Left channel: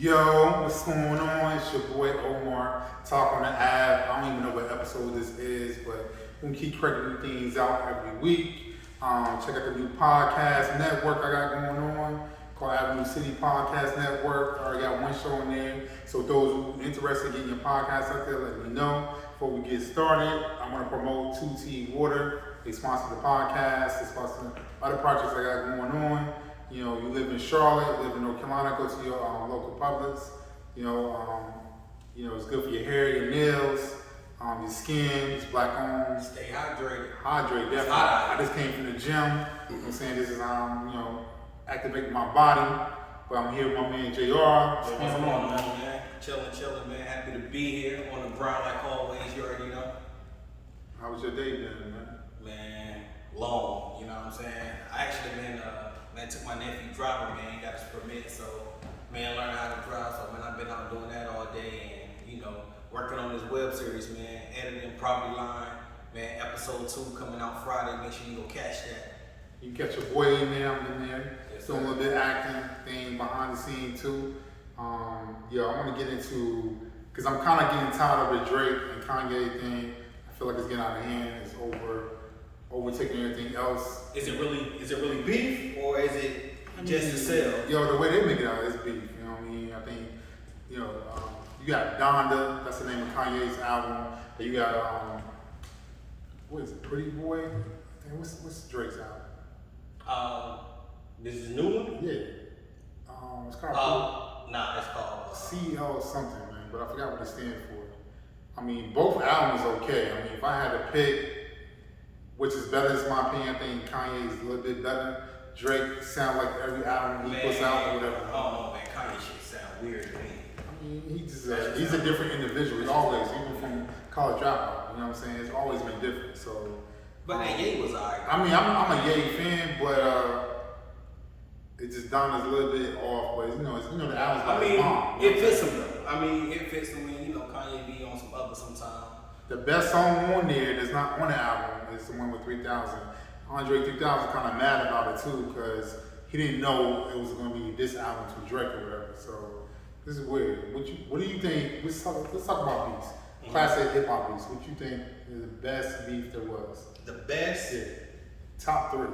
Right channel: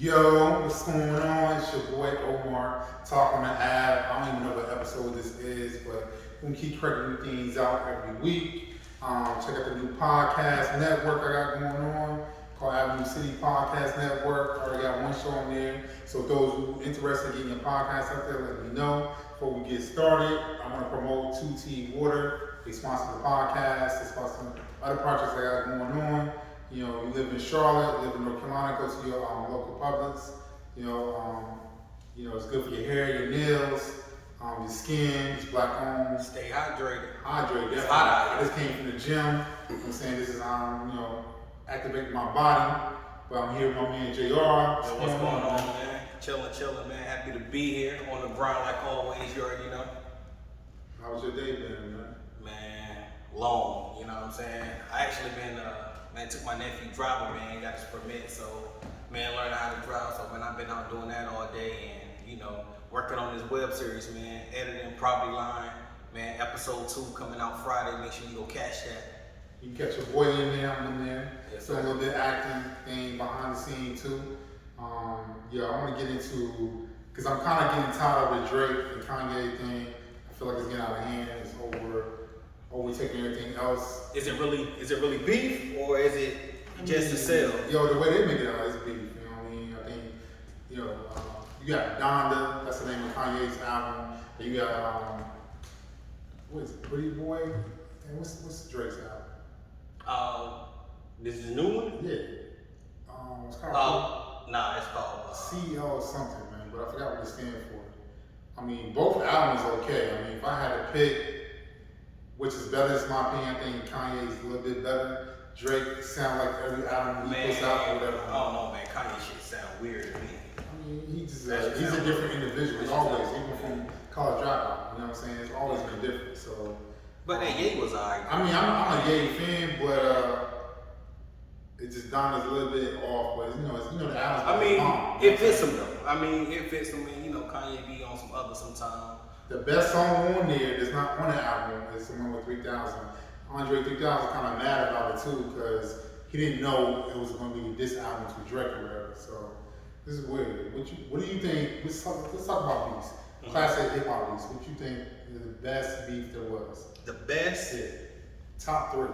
Yo, what's going on? It's your boy Omar, talking to Ave. I don't even know what episode this is, but we're gonna keep cracking things out every week. Check out the new podcast network I got going on called Avenue City Podcast Network. I already got one show in there. So those who are interested in getting your podcast out there, let me know. Before we get started, I want to promote 2T Water. They sponsor the podcast. They sponsor other projects I got going on. You know, you live in Charlotte, live in North Carolina, go to your local Publix. It's good for your hair, your nails, your skin. It's black owned. Stay hydrated. Hydrated, definitely. Hot I just came from the gym. You know what I'm saying? This is activating my body. But I'm here with my man JR. What's going on, man? Chilling, man. Happy to be here on the ground like always. You already know. How was your day been, man? Man, long. You know what I'm saying? I actually took my nephew driving, man. He got his permit, so man, learning how to drive. So man, I've been out doing that all day, and working on this web series, man. Editing Property Line, man. Episode 2 coming out Friday. Make sure you go catch that. You catch your boy in there, I'm in there. Yes, doing a little bit of acting thing behind the scenes too. I want to get into, because I'm kind of getting tired of the Drake and Kanye thing. I feel like it's getting out of hand. It's overtaking everything else. Is it really beef, or is it just to sell? The way they make it out is beef. You know what I mean? I think, you got Donda. That's the name of Kanye's album. And you got what is it? Pretty Boy. What's Drake's album? This is a new one? Yeah. It's called. It's called CL something, man, but I forgot what it stands for. I mean, both albums okay. I mean, if I had to pick which is better, it's my opinion, I think Kanye's a little bit better. Drake sound like every album he puts out or whatever. I don't know, man. Kanye shit sound weird to me. I mean, he's a different individual. He's always, even from College Dropout, you know what I'm saying? It's always been different, so. But that Ye was alright. I mean, I'm a Ye fan, but it just Donna's a little bit off, but the album's I mean, it fits him though. It fits him. Kanye be on some other sometime. The best song on there that's not on the album is the one with 3000. Andre 3000 kind of mad about it too, because he didn't know it was going to be this album to Drake or whatever. So this is weird. What do you think? Let's talk about beats. Mm-hmm. Classic hip hop beats. What you think is the best beat there was? The best? Yeah. Top 3.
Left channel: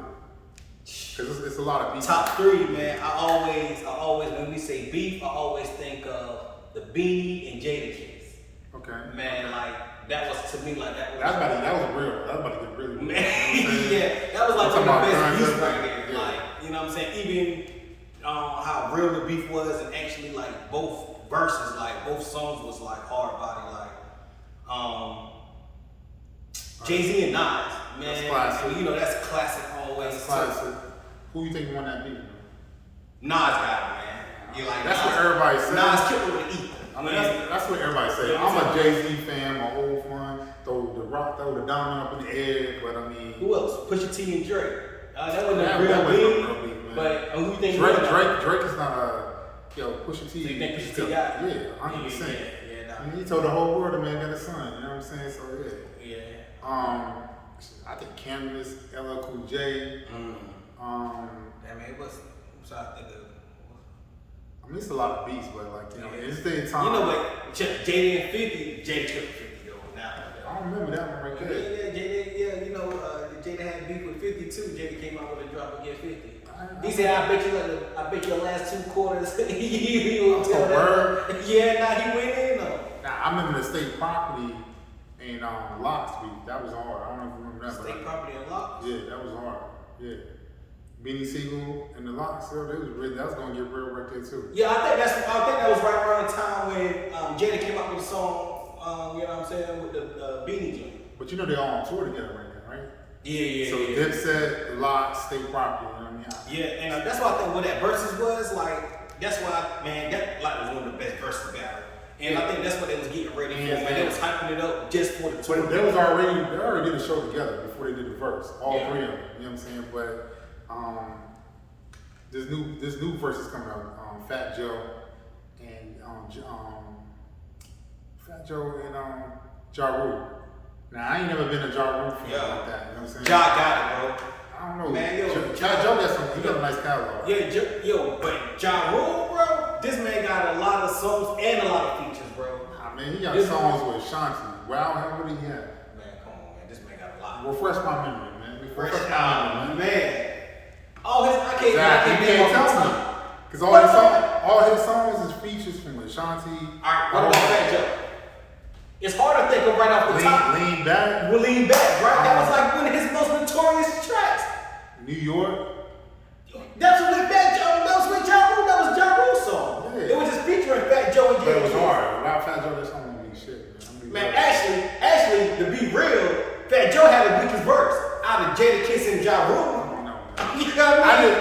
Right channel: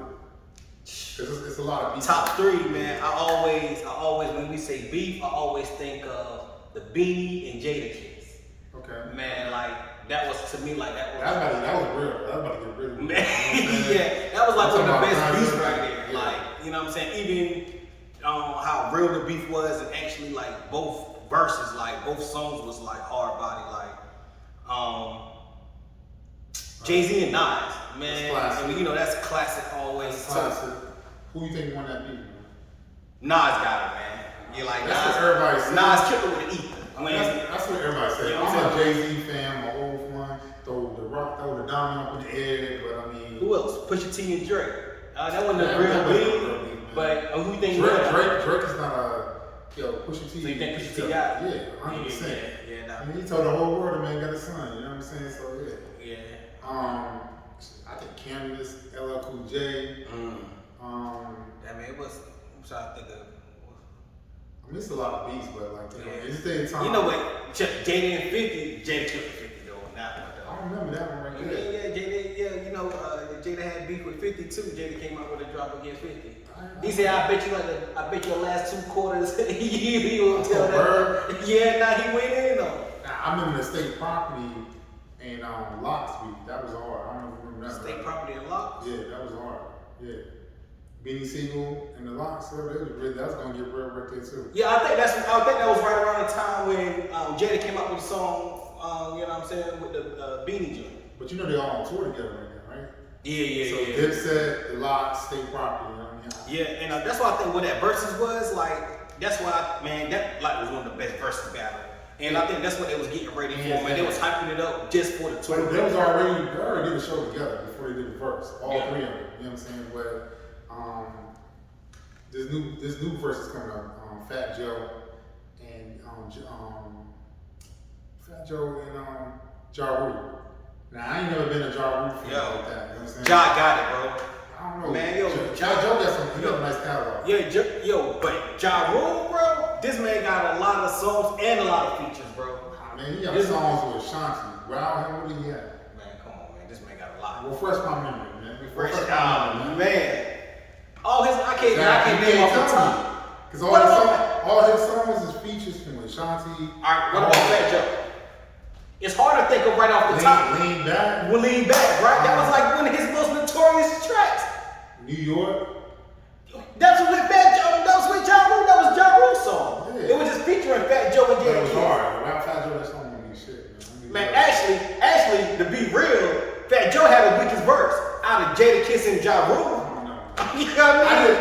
Because it's a lot of beats. Top 3, man. I always, when we say beef, I always think of the Beanie and Jada case. Okay. Man, that was to me that was that was real. That was about to get really real. Man, yeah, that was one of the best beefs right there. Yeah. You know what I'm saying? Even how real the beef was, and actually both verses, both songs was hard body, Jay-Z and Nas, man. That's classic. That's classic always. That's classic. Who you think won that beef, man? Nas got it, man. That's what everybody says. Nas killed it with an E. That's what everybody says. You know I'm a Jay-Z fan, my old one. Throw the diamond up in the air, but I mean. Who else? Pusha T and Drake. That wasn't a real beef, but who you think Drake is not Pusha T. So you think Pusha T got it? Yeah, 100%. Yeah. I mean, he told the whole world the man got a son. You know what I'm saying? So yeah. I think Canvas, LL Cool J. It was. I'm trying to think of. I mean, it's a lot of beats, but it's the time. You know what? Jada and 50, Jada killed 50 though. I don't remember that one right there. Yeah. Jada had beef with 50 too. Jada came out with a drop against 50. He said, I bet your last 2 quarters he will tell that. Yeah, he went in though. I remember the State Property and Locks beef. That was hard. I don't know if you remember that. State Property and Locks? Yeah, that was hard. Yeah. Beanie Siegel and the Locks, that was gonna get real right there too. Yeah, I think that was right around the time when Jada came out with a song, you know what I'm saying, with the Beanie joint. But they all on tour together right now, right? Yeah. So Dipset, the Locks, State Property, you know what I mean? Yeah, and that's why I think what that versus was, that's why, that was one of the best versus battle. And I think that's what they was getting ready for, man. They was hyping it up just for the tour. But they already did a show together before they did the verse. All 3 of them, you know what I'm saying? But this new verse is coming out. Fat Joe and Ja Rule. Now I ain't never been a Ja Rule fan like that. You know what I'm saying? Ja got it, bro. I don't know. Man, Joe got some. He got a nice catalog. Yeah, but Ja Rule, bro. this man got a lot of songs and a lot of features, bro. Nah, man, he got songs with Shanti. Wow, hell, what do he have? Man, come on, man. This man got a lot. Refresh my memory, man. Refresh my memory, man. All his, I can't name off the top. Because all his songs is features from Ashanti. Alright, what about Fat Joe? It's hard to think of right off the top. Lean Back. Well, Lean Back, right? That was like one of his most notorious tracks. New York. That's with Fat Joe. That was with Ja Rule. That was Ja Rule's song. Yeah. It was just featuring Fat Joe and But it was hard. Wow, Fat Joe, that song don't mean shit, man. Actually, to be real, Fat Joe had the weakest verse out of Jada Kiss and Ja Rule. You know what I mean?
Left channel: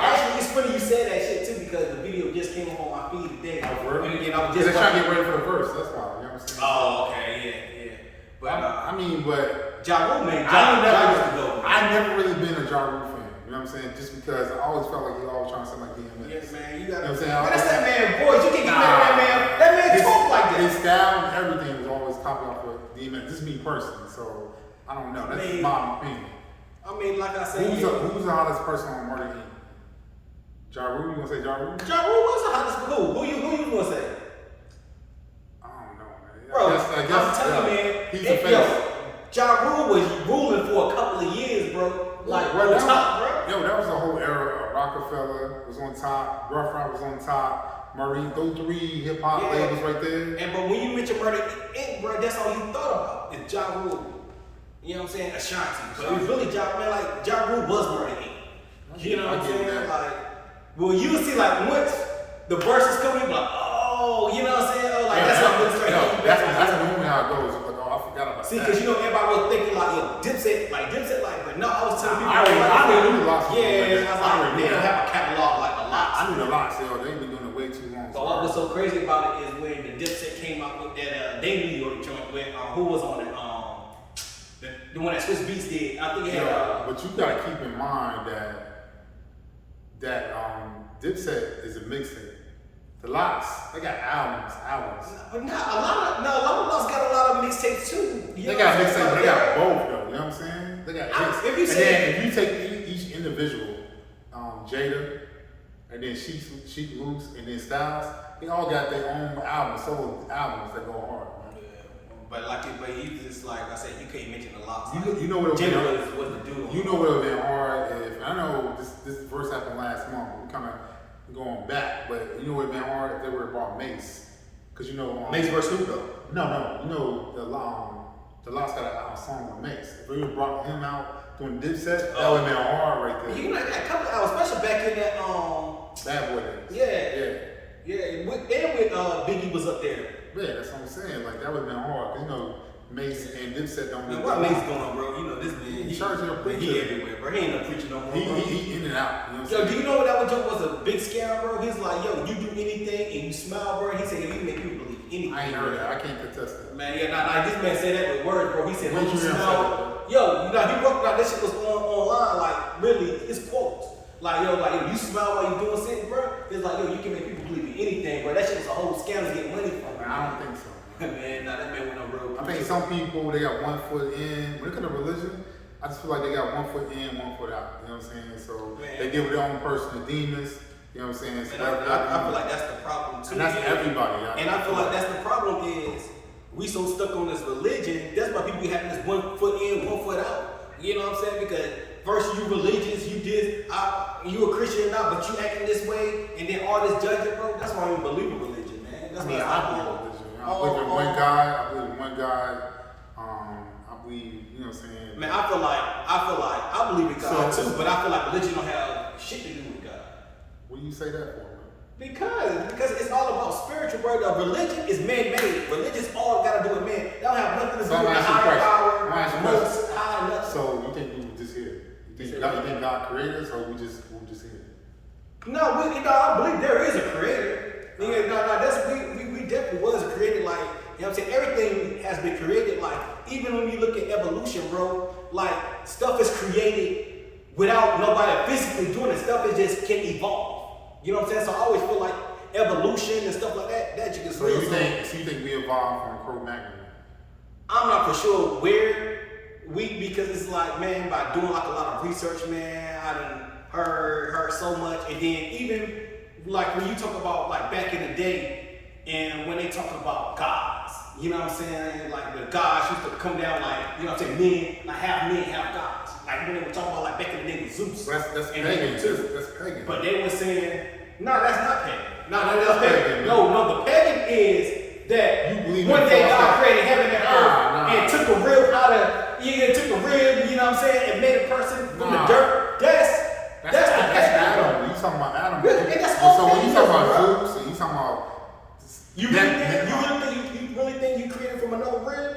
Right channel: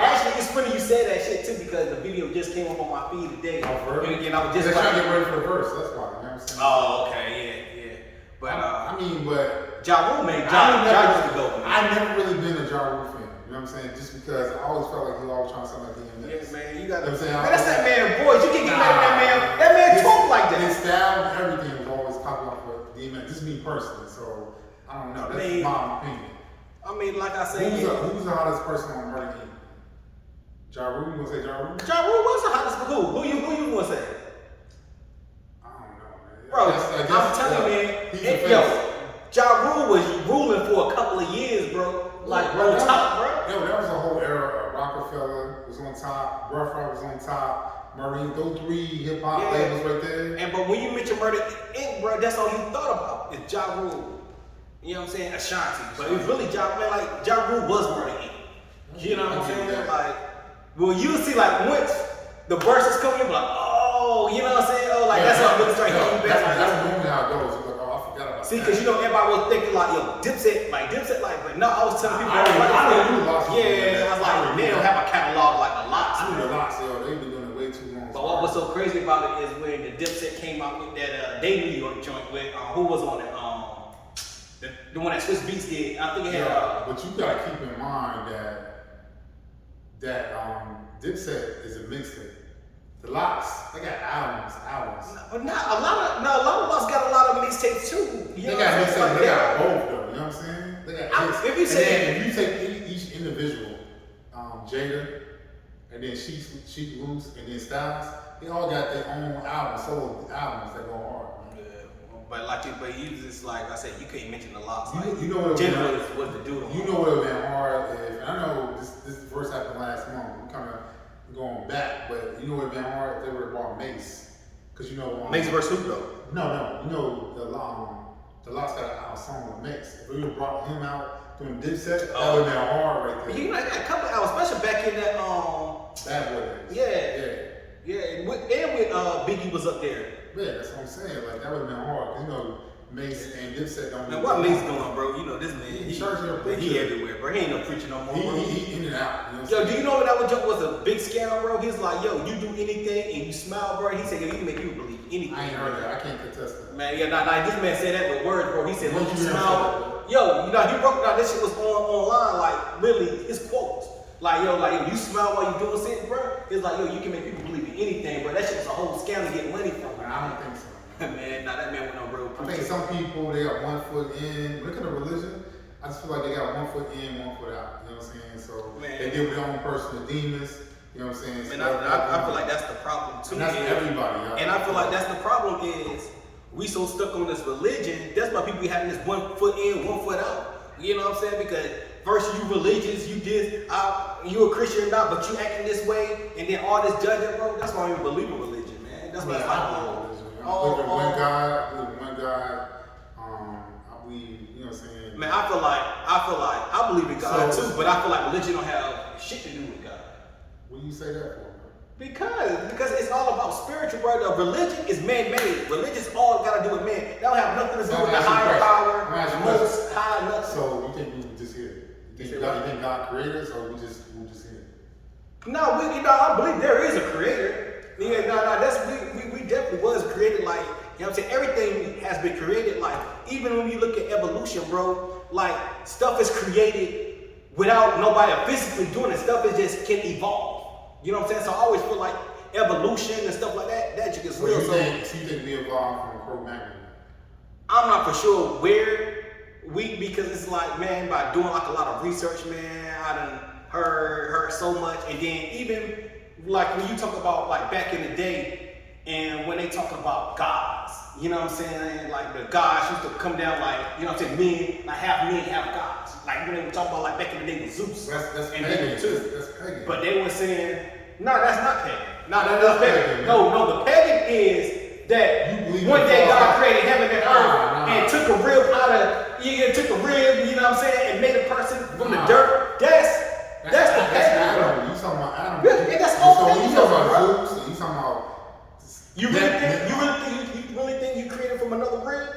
Actually, it's funny you say that shit too because the video just came up on my feed today. And again, I was just trying to get ready for the verse. That's why. You know what I'm saying? Oh, okay, yeah. But but Ja Rule made Ja used to go. I never really been a Ja Rule fan. You know what I'm saying? Just because I always felt like he always trying to sound like DMX. Yes, man. You got. You know what I'm saying? Man, that's that man voice. You can't get that man talk like that. His style and everything was always copied off of DMX. This is me personally, so I don't know. That's my opinion. I mean, like I said, who's the hottest person on Murder Inc? Ja Rule? You gonna say Ja Rule? Ja Rule was the hottest, but who you gonna say? I don't know, man. Bro, I'm telling you, man. Ja Rule was ruling for a couple of years, bro. Like on top, bro. Yo, that was a whole era. Rockefeller was on top. Rough Ride was on top. Murray, those three hip hop labels right there. But when you mention Murder Inc, bro, that's all you thought about is Ja Rule. You know what I'm saying? Ashanti. But it was really Ja Rule was Murder Inc. You know what I'm saying? Like, well, you'll see like once the verses come in, like, oh, you know what I'm saying? Oh, like that's how I'm start hitting back. That's normally how it goes. Like, oh, I forgot about that. See, because you know everybody was thinking like, yo, Dipset, but no, I was telling people. I knew the locks. Yeah, I was like, they don't have a catalog like a lot. I knew the locks. They've been doing it way too long. But what was so crazy about it is when the Dipset came out with that Day New York joint with who was on it? The one that Swiss Beats did. I think it had. But you gotta keep in mind that Dipset is a mixtape. The Lox, they got albums. But not a lot of us got a lot of mixtapes too. They got mixtapes. They got both though. You know what I'm saying? They got hits. If you take each individual, Jada, and then Sheek Loose, and then Styles, they all got their own solo albums that go hard. But you just like I said, you can't mention the Lox. You know what Jada was the dude. You know what would have been hard if I know this verse happened last month. We kind of going back, but you know what would have been hard if they would have brought Mace, because you know Mace versus who though? No, you know the Lox got a song with Mace. If we would have brought him out doing Dipset, that would have been hard right there. You know, a couple of albums, especially back in that Bad Boy days. Yeah. And with Biggie was up there. Yeah, that's what I'm saying. Like that would have been hard. You know, Mace and Dipset don't. Man, what Mace doing, bro? You know this man. He everywhere, bro. He ain't no preacher no more, bro. He in and out. You know yo, do you know that was a big scam, bro? He's like, yo, you do anything and you smile, bro. He said, yo, you can make people believe anything. I ain't heard that. I can't contest that. Man, yeah, this man said that with words, bro. He said, when you smile, he wrote that. This shit was online, like really, his quotes. Like, yo, you smile while you doing shit, bro. It's like, yo, you can make people believe in anything, bro. That shit was a whole scam to get money from. I don't think so. Man, that man went on real. I think some people, they got 1 foot in. When it comes to religion, I just feel like they got 1 foot in, 1 foot out. You know what I'm saying? So they deal with their own personal demons. You know what I'm saying? Man, I feel like that's the problem too. And that's everybody. And I feel like that's the problem is we so stuck on this religion. That's why people be having this 1 foot in, 1 foot out. You know what I'm saying? Because first you religious, you a Christian now, but you acting this way, and then all this judging, bro. That's why I don't even believe in religion, man. That's what I believe in religion. I believe in one God. I believe, you know what I'm saying? Man, I feel like I believe in God too, but I feel like religion don't have shit to do with God. What do you say that for, bro? Because it's all about spiritual, bro. The religion is man-made. Religion's all got to do with man. That don't have nothing to do with the higher power, the most high nothing. So you think we just here? You think God created us, or we just here? No, I believe there is a creator. Yeah, we definitely was created. Like, you know what I'm saying? Everything has been created. Like, even when you look at evolution, bro, like stuff is created without nobody physically doing it. Stuff is just can evolve. You know what I'm saying? So I always feel like evolution and stuff like that just gets real. You think we evolved from Cro-Magnon? I'm not for sure where because it's like, man, by doing like a lot of research, man, I done heard so much, and then even like when you talk about like back in the day, and when they talk about gods, you know what I'm saying? Like the gods used to come down like, you know what I'm saying, men, like half gods. Like when they were talking about like back in the day with Zeus. That's and pagan too. That's pagan. But they were saying, no, that's not pagan. No, that's pagan. pagan. No, the pagan is that You believe one in day false God gods. created heaven and earth and took a rib out of, took a rib, you know what I'm saying, and made a person from the dirt. That's the pagan. Adam. You talking about Adam? Yeah, and that's all so when you paganism, talking about bro. Zeus, and you talking about You really think you created from another rib?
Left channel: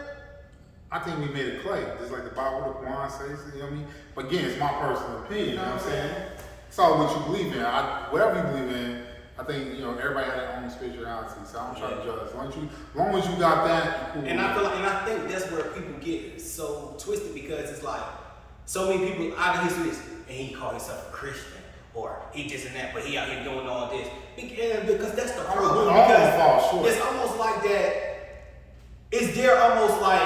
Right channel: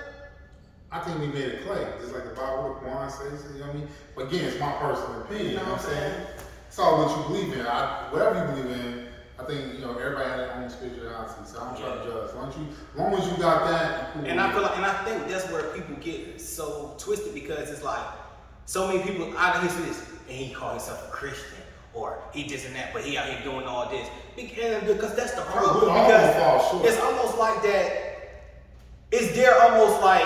I think we made it clay, just like the Bible, the Quran says. You know what I mean? But again, it's my personal opinion. You know what I'm saying? It's all what you believe in. Whatever you believe in, I think everybody has their own spirituality. So I'm trying to judge. As long as you got that, you cool. And I think that's where people get so twisted, because it's like so many people out of his list, and he called himself a Christian, or he this and that, but he out here doing all this because that's the problem. Because it's almost like that. Is there almost like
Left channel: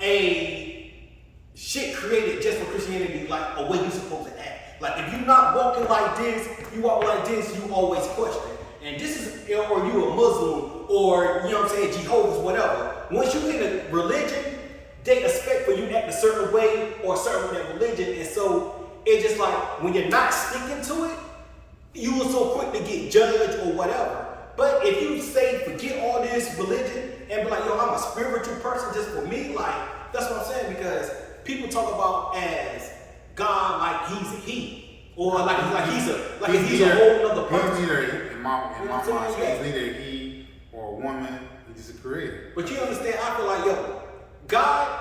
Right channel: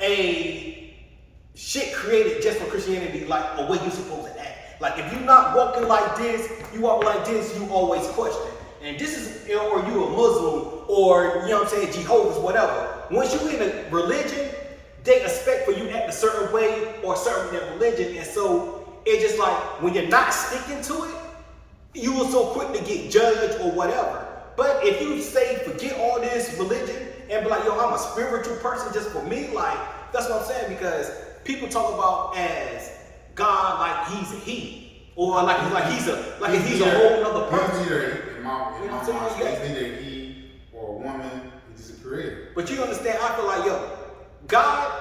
a shit created just for Christianity, like a way you're supposed to act? Like if you're not walking like this, you walk like this, you always question. And this is, or you a Muslim, or you know what I'm saying, Jehovah's, whatever. Once you in a religion, they expect for you to act a certain way or serve that religion. And so it's just like when you're not sticking to it, you are so quick to get judged or whatever. But if you say forget all this religion and be like, yo, I'm a spiritual person just for me, like that's what I'm saying, because people talk about as God like he's a he, or like he's a whole other person. He's neither in my mind, he's neither a he or a woman. He's just a creator. But you understand? I feel like God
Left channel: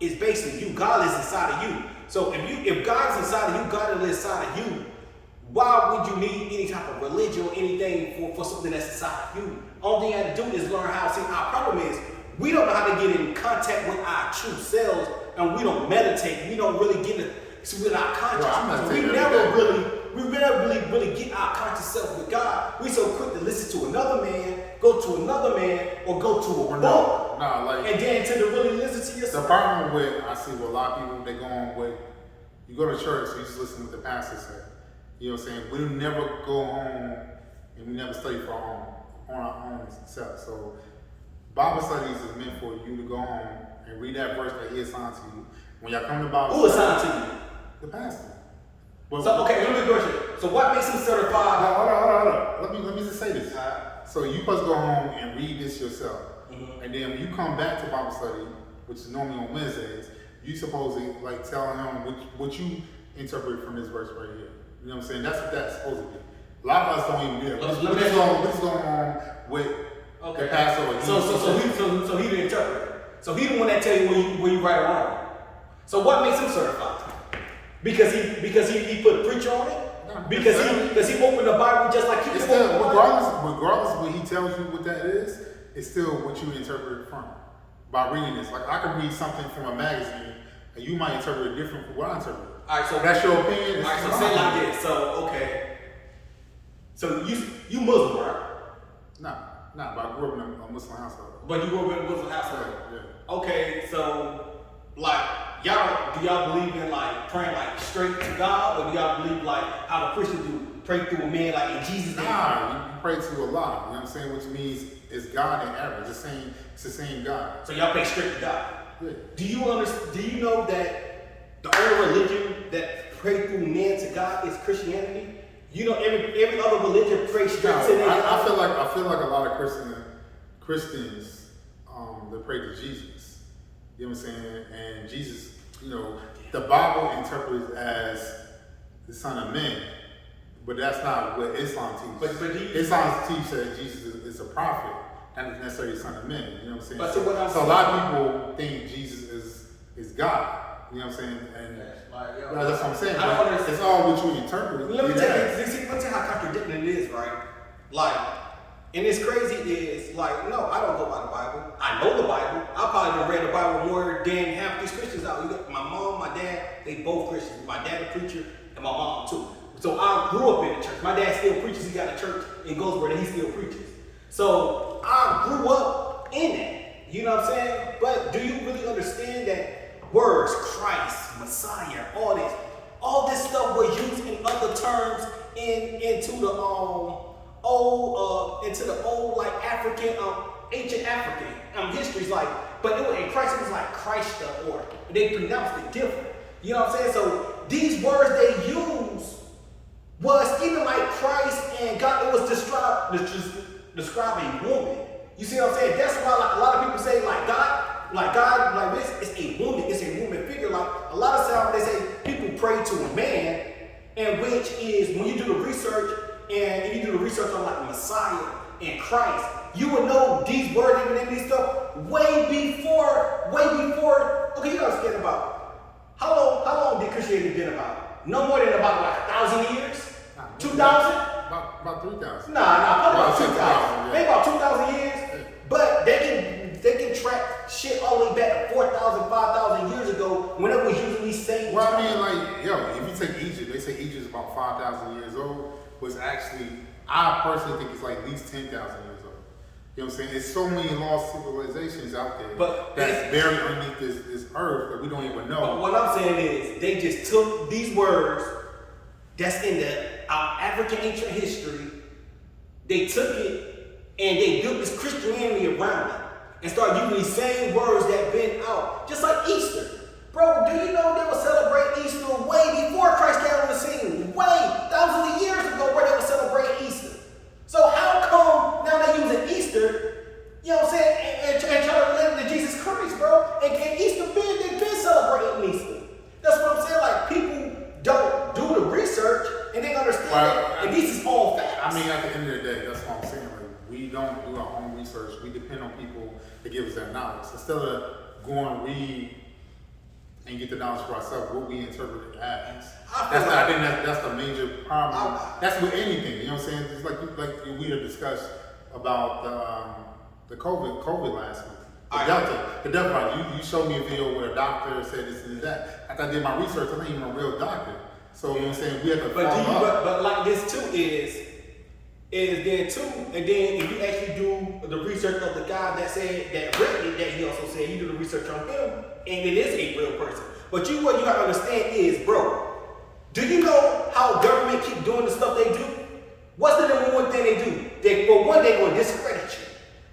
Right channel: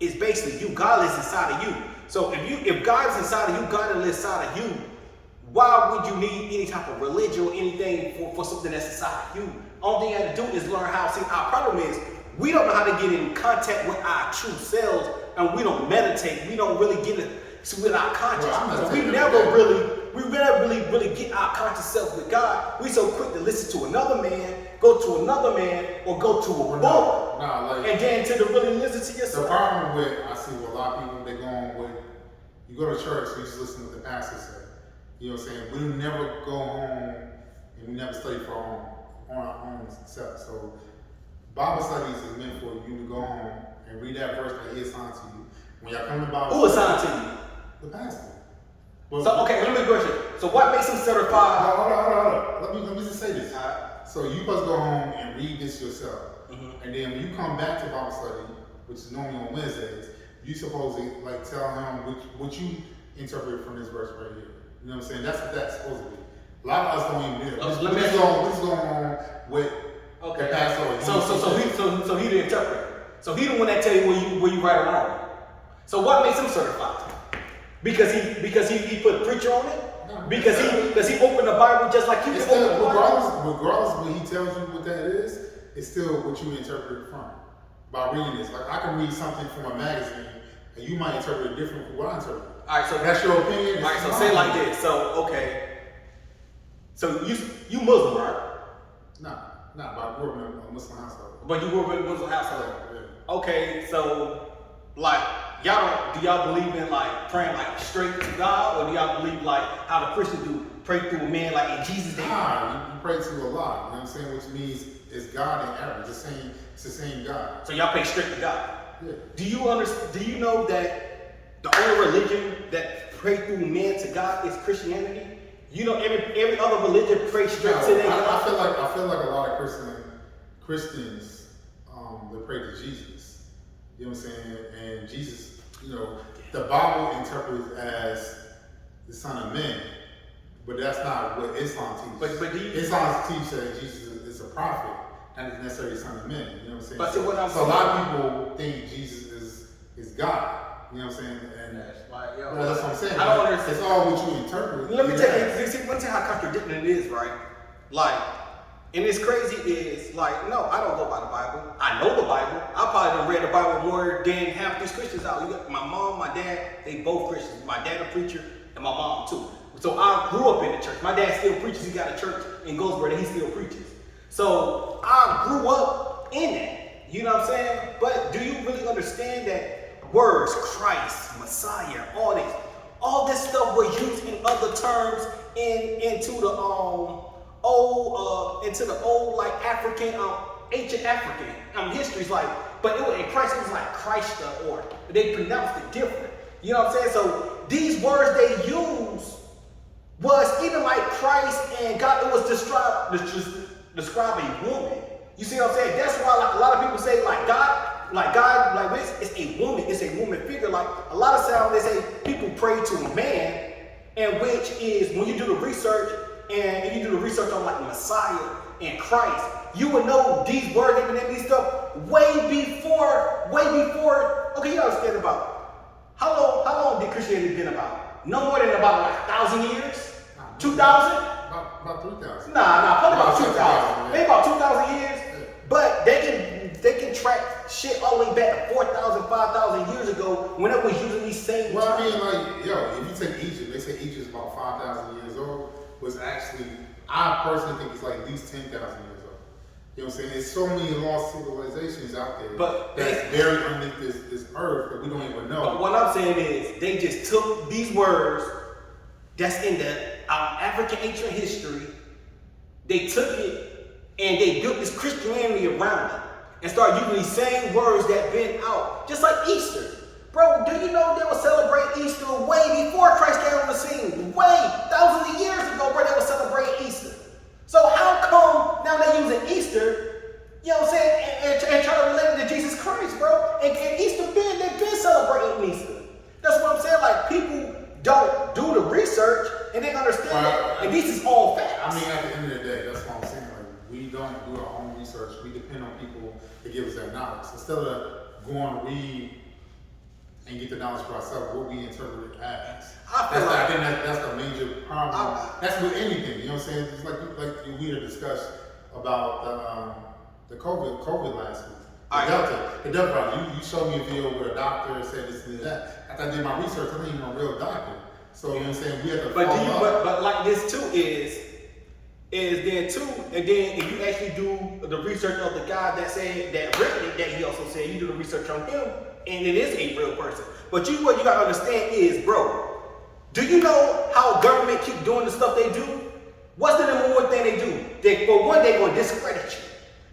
is basically you. God lives inside of you. So if God is inside of you, God lives inside of you. Why would you need any type of religion or anything for something that's inside of you? Only thing you have to do is learn how. See, our problem is we don't know how to get in contact with our true selves, and we don't meditate. We don't really get it with our conscience. So we never really get our conscious self with God. We so quick to listen to another man, go to another man, or go to a book, and then to really listen to yourself. The problem with I see with a lot of people, they go on with you go to church, so you just listen what the pastor said. You know what I'm saying? We never go home and we never study for on our own self. So Bible studies is meant for you to go home and read that verse that he assigned to you. When y'all come to Bible who assigned to you? The pastor. Well, so okay, let me question. So what makes him certified? No, hold on. Let me just say this. So you supposed to go home and read this yourself. Mm-hmm. And then when you come back to Bible study, which is normally on Wednesdays, you supposed to like tell him what you interpret from this verse right here. You know what I'm saying? That's what that's supposed to be. A lot of us don't even do that. What's going on with the pastor? So he the interpreter. So he the one that tell you where you right or wrong. So what makes him certified? Because he put a preacher on it? No, because he opened the Bible just like you can open the Bible? Regardless of when he tells you what that is, it's still what you interpret it from. By reading this. Like I can read something from a magazine and you might interpret it different from what I interpret. Alright, so that's your opinion. Alright, so say it like this. So okay. So you Muslim, right? Nah, but I grew up in a Muslim household. But you grew up in a Muslim household? Yeah. Okay, so like do y'all believe in like praying like straight to God, or do y'all believe like how the Christians do, pray through a man like in Jesus' name? Nah, you pray to Allah. You know what I'm saying? Which means it's God in average. It's the same God. So y'all pray straight to God. Yeah. Do you know that the only religion that pray through men to God is Christianity? You know every other religion prays straight to them. I feel like a lot of Christians they pray to Jesus. You know what I'm saying? And Jesus, the Bible interprets as the Son of Man, but that's not what Islam teaches. But Islam teaches that Jesus is a prophet, not necessarily the Son of Man. You know what I'm saying? But so a lot of people think Jesus is God. You know what I'm saying? And that's what I'm saying. I don't understand. It's all what you interpret. Let me tell you how contradicting it is, right? Like, and it's crazy is like, no, I don't go by the Bible. I know the Bible. I probably done read the Bible more than half these Christians out. You got my mom, my dad, they both Christians. My dad a preacher, and my mom too. So I grew up in the church. My dad still preaches. He got a church in Goldsboro that he still preaches. So I grew up in that. You know what I'm saying? But do you really understand that words, Christ, Messiah, all this stuff was used in other terms into the into the old like African, ancient African histories, like, but in Christ it was like Christ, or they pronounced it different. You know what I'm saying? So these words they use was even like Christ and God. It was describe a woman. You see what I'm saying? That's why like a lot of people say like God, like this is a woman. It's a woman figure. Like a lot of times they say people pray to a man, and which is when you do the research and you do the research on like Messiah and Christ, you would know these words and these stuff way before. Okay, you understand about how long did Christianity been about? No more than about like 1,000 years, 2,000. About 3,000. Nah, probably about 2,000. Maybe about 2,000 years. But they can track shit all the way back to 4,000, 5,000 years ago when it was using these same. Well, I mean, like, yo, if you take Egypt, they say Egypt is about 5,000 years old. Was actually, I personally think it's like at least 10,000 years old. You know what I'm saying? There's so many lost civilizations out there that's buried underneath this earth that we don't even know. But what I'm saying is, they just took these words that's in the African ancient history, they took it and they built this Christianity around it and started using these same words that been out. Just like Easter. Bro, do you know they were celebrating Easter way before Christ came on the scene? Way, thousands of years ago, bro, they were celebrating Easter. So how come now they're using Easter, you know what I'm saying, and try to relate it to Jesus Christ, bro? And Easter they've been celebrating Easter. That's what I'm saying. Like, people don't do the research and they understand that. And this is all facts. I mean, at the end of the day, that's what I'm saying. Like, we don't do our own research. We depend on people to give us that knowledge. Instead of going to read and get the knowledge for ourselves, what we interpret it as. I think that's the major problem. That's with anything. You know what I'm saying? It's like we had discussed about the COVID last week. The Delta virus. You showed me a video where a doctor said this and that. After I did my research, I'm not even a real doctor. So you know what I'm saying? We have to but like this too is there too, and then if you actually do the research of the guy that said that written it, that he also said you do the research on him, and it is a real person. But what you gotta understand is, bro, do you know how government keep doing the stuff they do? What's the number one thing they do? They're gonna discredit you.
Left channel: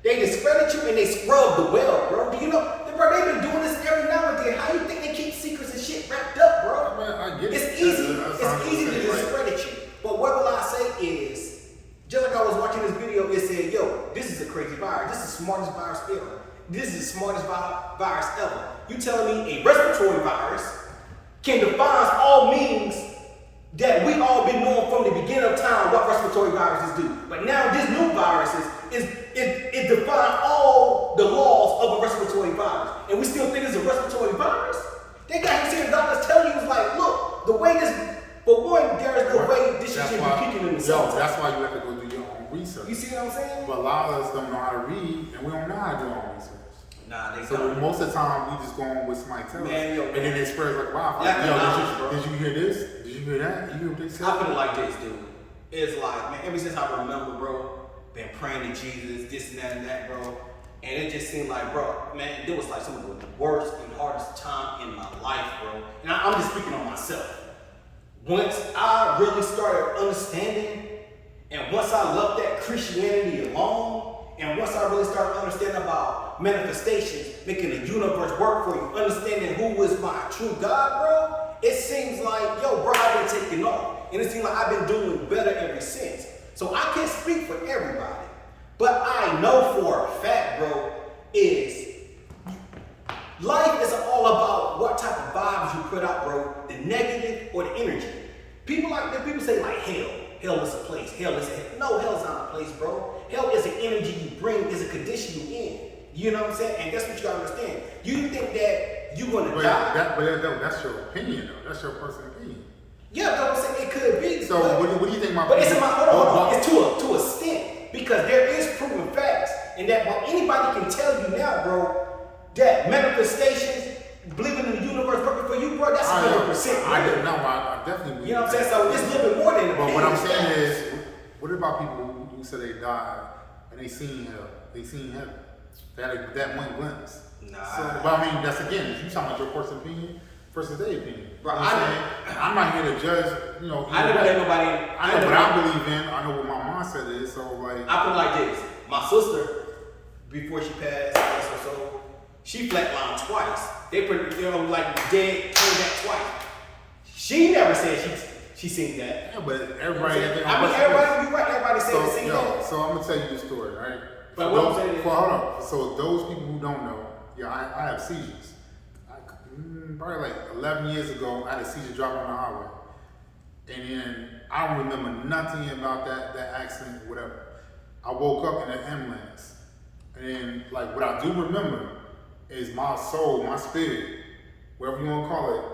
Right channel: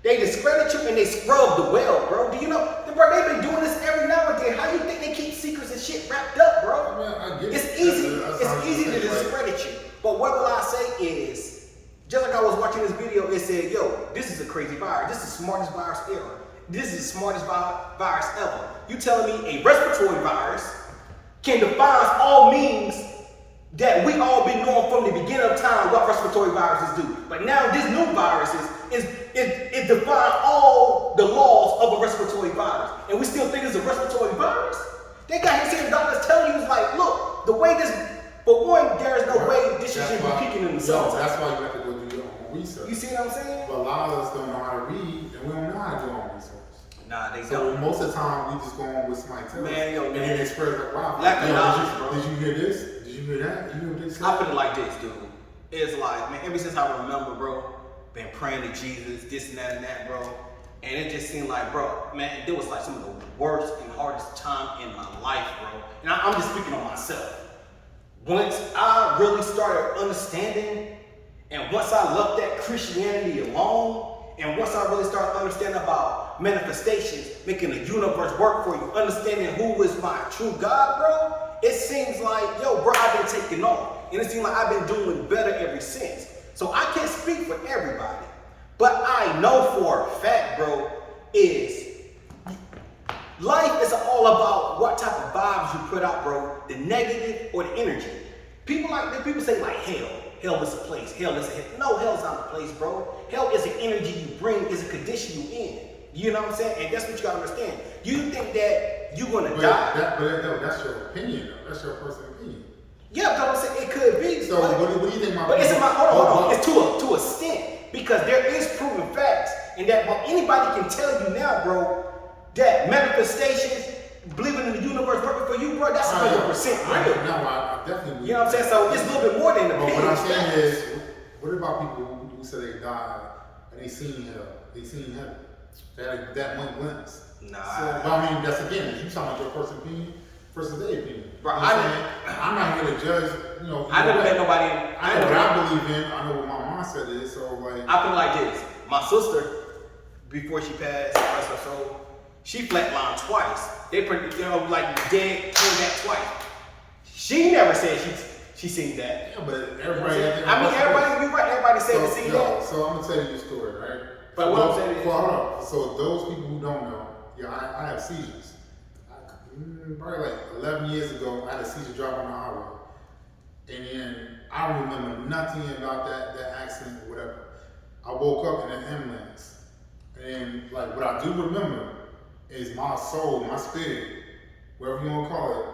They discredit you and they scrub the well, bro. Do you know? Bro, they've been doing this every now and then. How you think they keep secrets and shit wrapped up, bro? Man, I get it's easy. It's easy to discredit you. But what will I say is, just like I was watching this video, it said, yo, this is a crazy virus. This is the smartest virus ever. This is the smartest virus ever. You telling me a respiratory virus can define all means that we all been knowing from the beginning of time what respiratory viruses do. But now this new virus it defines all the laws of a respiratory virus. And we still think it's a respiratory virus? They got here saying doctors telling you, like, look, the way this, for one, there is no way this shit should be peaking in themselves. Yo, that's why you have to go do your own research. You see what I'm saying? But a lot of us don't know how to read, and we don't know how to do our own research. Nah, they so don't. most of the time, we just go on with somebody tells us. And then they spread like, wow, did you hear this? Did you hear that? You hear what they said? I feel like this, dude. It's like, man, ever since I remember, bro, been praying to Jesus, this and that, bro. And it just seemed like, bro, man, there was like some of the worst and hardest time in my life, bro. And I'm just speaking on myself. Once I really started understanding, and once I left that Christianity alone, and once I really started understanding about manifestations, making the universe work for you, understanding who is my true God, bro, it seems like, yo, bro, I've been taking off. And it seems like I've been doing better ever since. So I can't speak for everybody. But I know for a fact, bro, is life is all about what type of vibes you put out, bro. The negative or the energy. People say like hell. Hell is a place. Hell is a hell. No, hell's not a place, bro. Hell is an energy you bring, is a condition you in. You know what I'm saying? And that's what you gotta understand. You think that you're gonna die. That's your opinion, though. That's your personal opinion. Yeah, but I'm saying it could be. So what do you think my But it's in my hold on. It's to a extent. Because there is proven facts, and that anybody can tell you now, bro, that manifestations, believing in the universe perfect for you, bro, that's 100% real. I definitely. You know what I'm saying? So it's a little bit more than the. But what I'm saying is, what about people who say they died and they seen hell? They seen heaven. They had that one glimpse. Nah. So, but I mean, that's again, if you talking about your personal opinion, versus their opinion. Right. You know what I'm saying? I'm not here to judge, you know. I never let nobody. I know what I believe in. I know what my mindset is. So like, I put it like this: my sister, before she passed, rest her soul, she flatlined twice. They put, you know, like dead, came back twice. She never said she seen that. yeah, but everybody. Everybody, you're right. Everybody said so, seen that. So I'm gonna tell you the story, right? But what I'm saying is, hold on. So those people who don't know, yeah, I have seizures. Probably like 11 years ago, I had a seizure driving on the highway. And then I don't remember nothing about that accident or whatever. I woke up in an ambulance. And like what I do remember is my soul, my spirit, whatever you want to call it,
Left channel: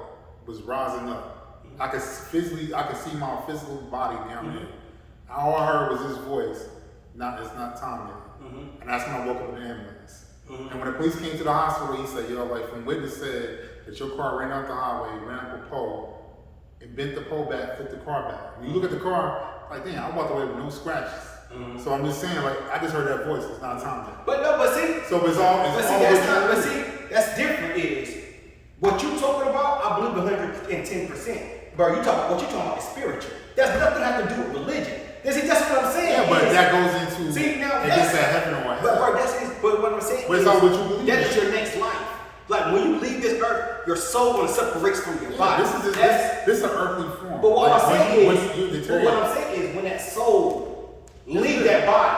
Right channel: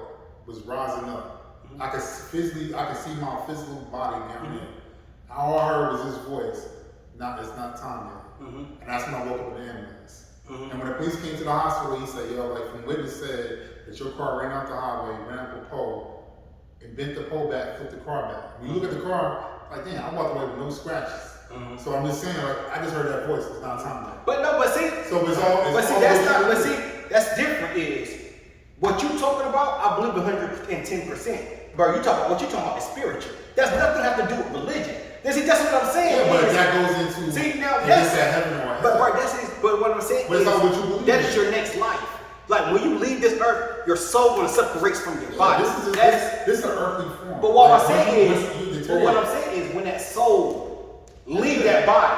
was rising up. I could see my physical body down there. All I heard was this voice, it's not time yet. And that's when I woke up in the ambulance. And when the police came to the hospital, he said, yo, like from witness said that your car ran off the highway, ran up a pole, and bent the pole back, flipped the car back. When you look at the car, like damn, I walked away with no scratches. So I'm just saying, like I just heard that voice. It's not time yet. But see, so it's all. That's different. Is what you talking about? I believe 110%. Bro, what you talking about is spiritual. That's nothing have to do with religion. That's what I'm saying. Yeah, but that goes into that's that heaven or hell. But what I'm saying is, what you believe that is your next life. Like when you leave this earth, your soul gonna separate from your body. This is an earthly form. But what I'm saying is when that soul leave that body,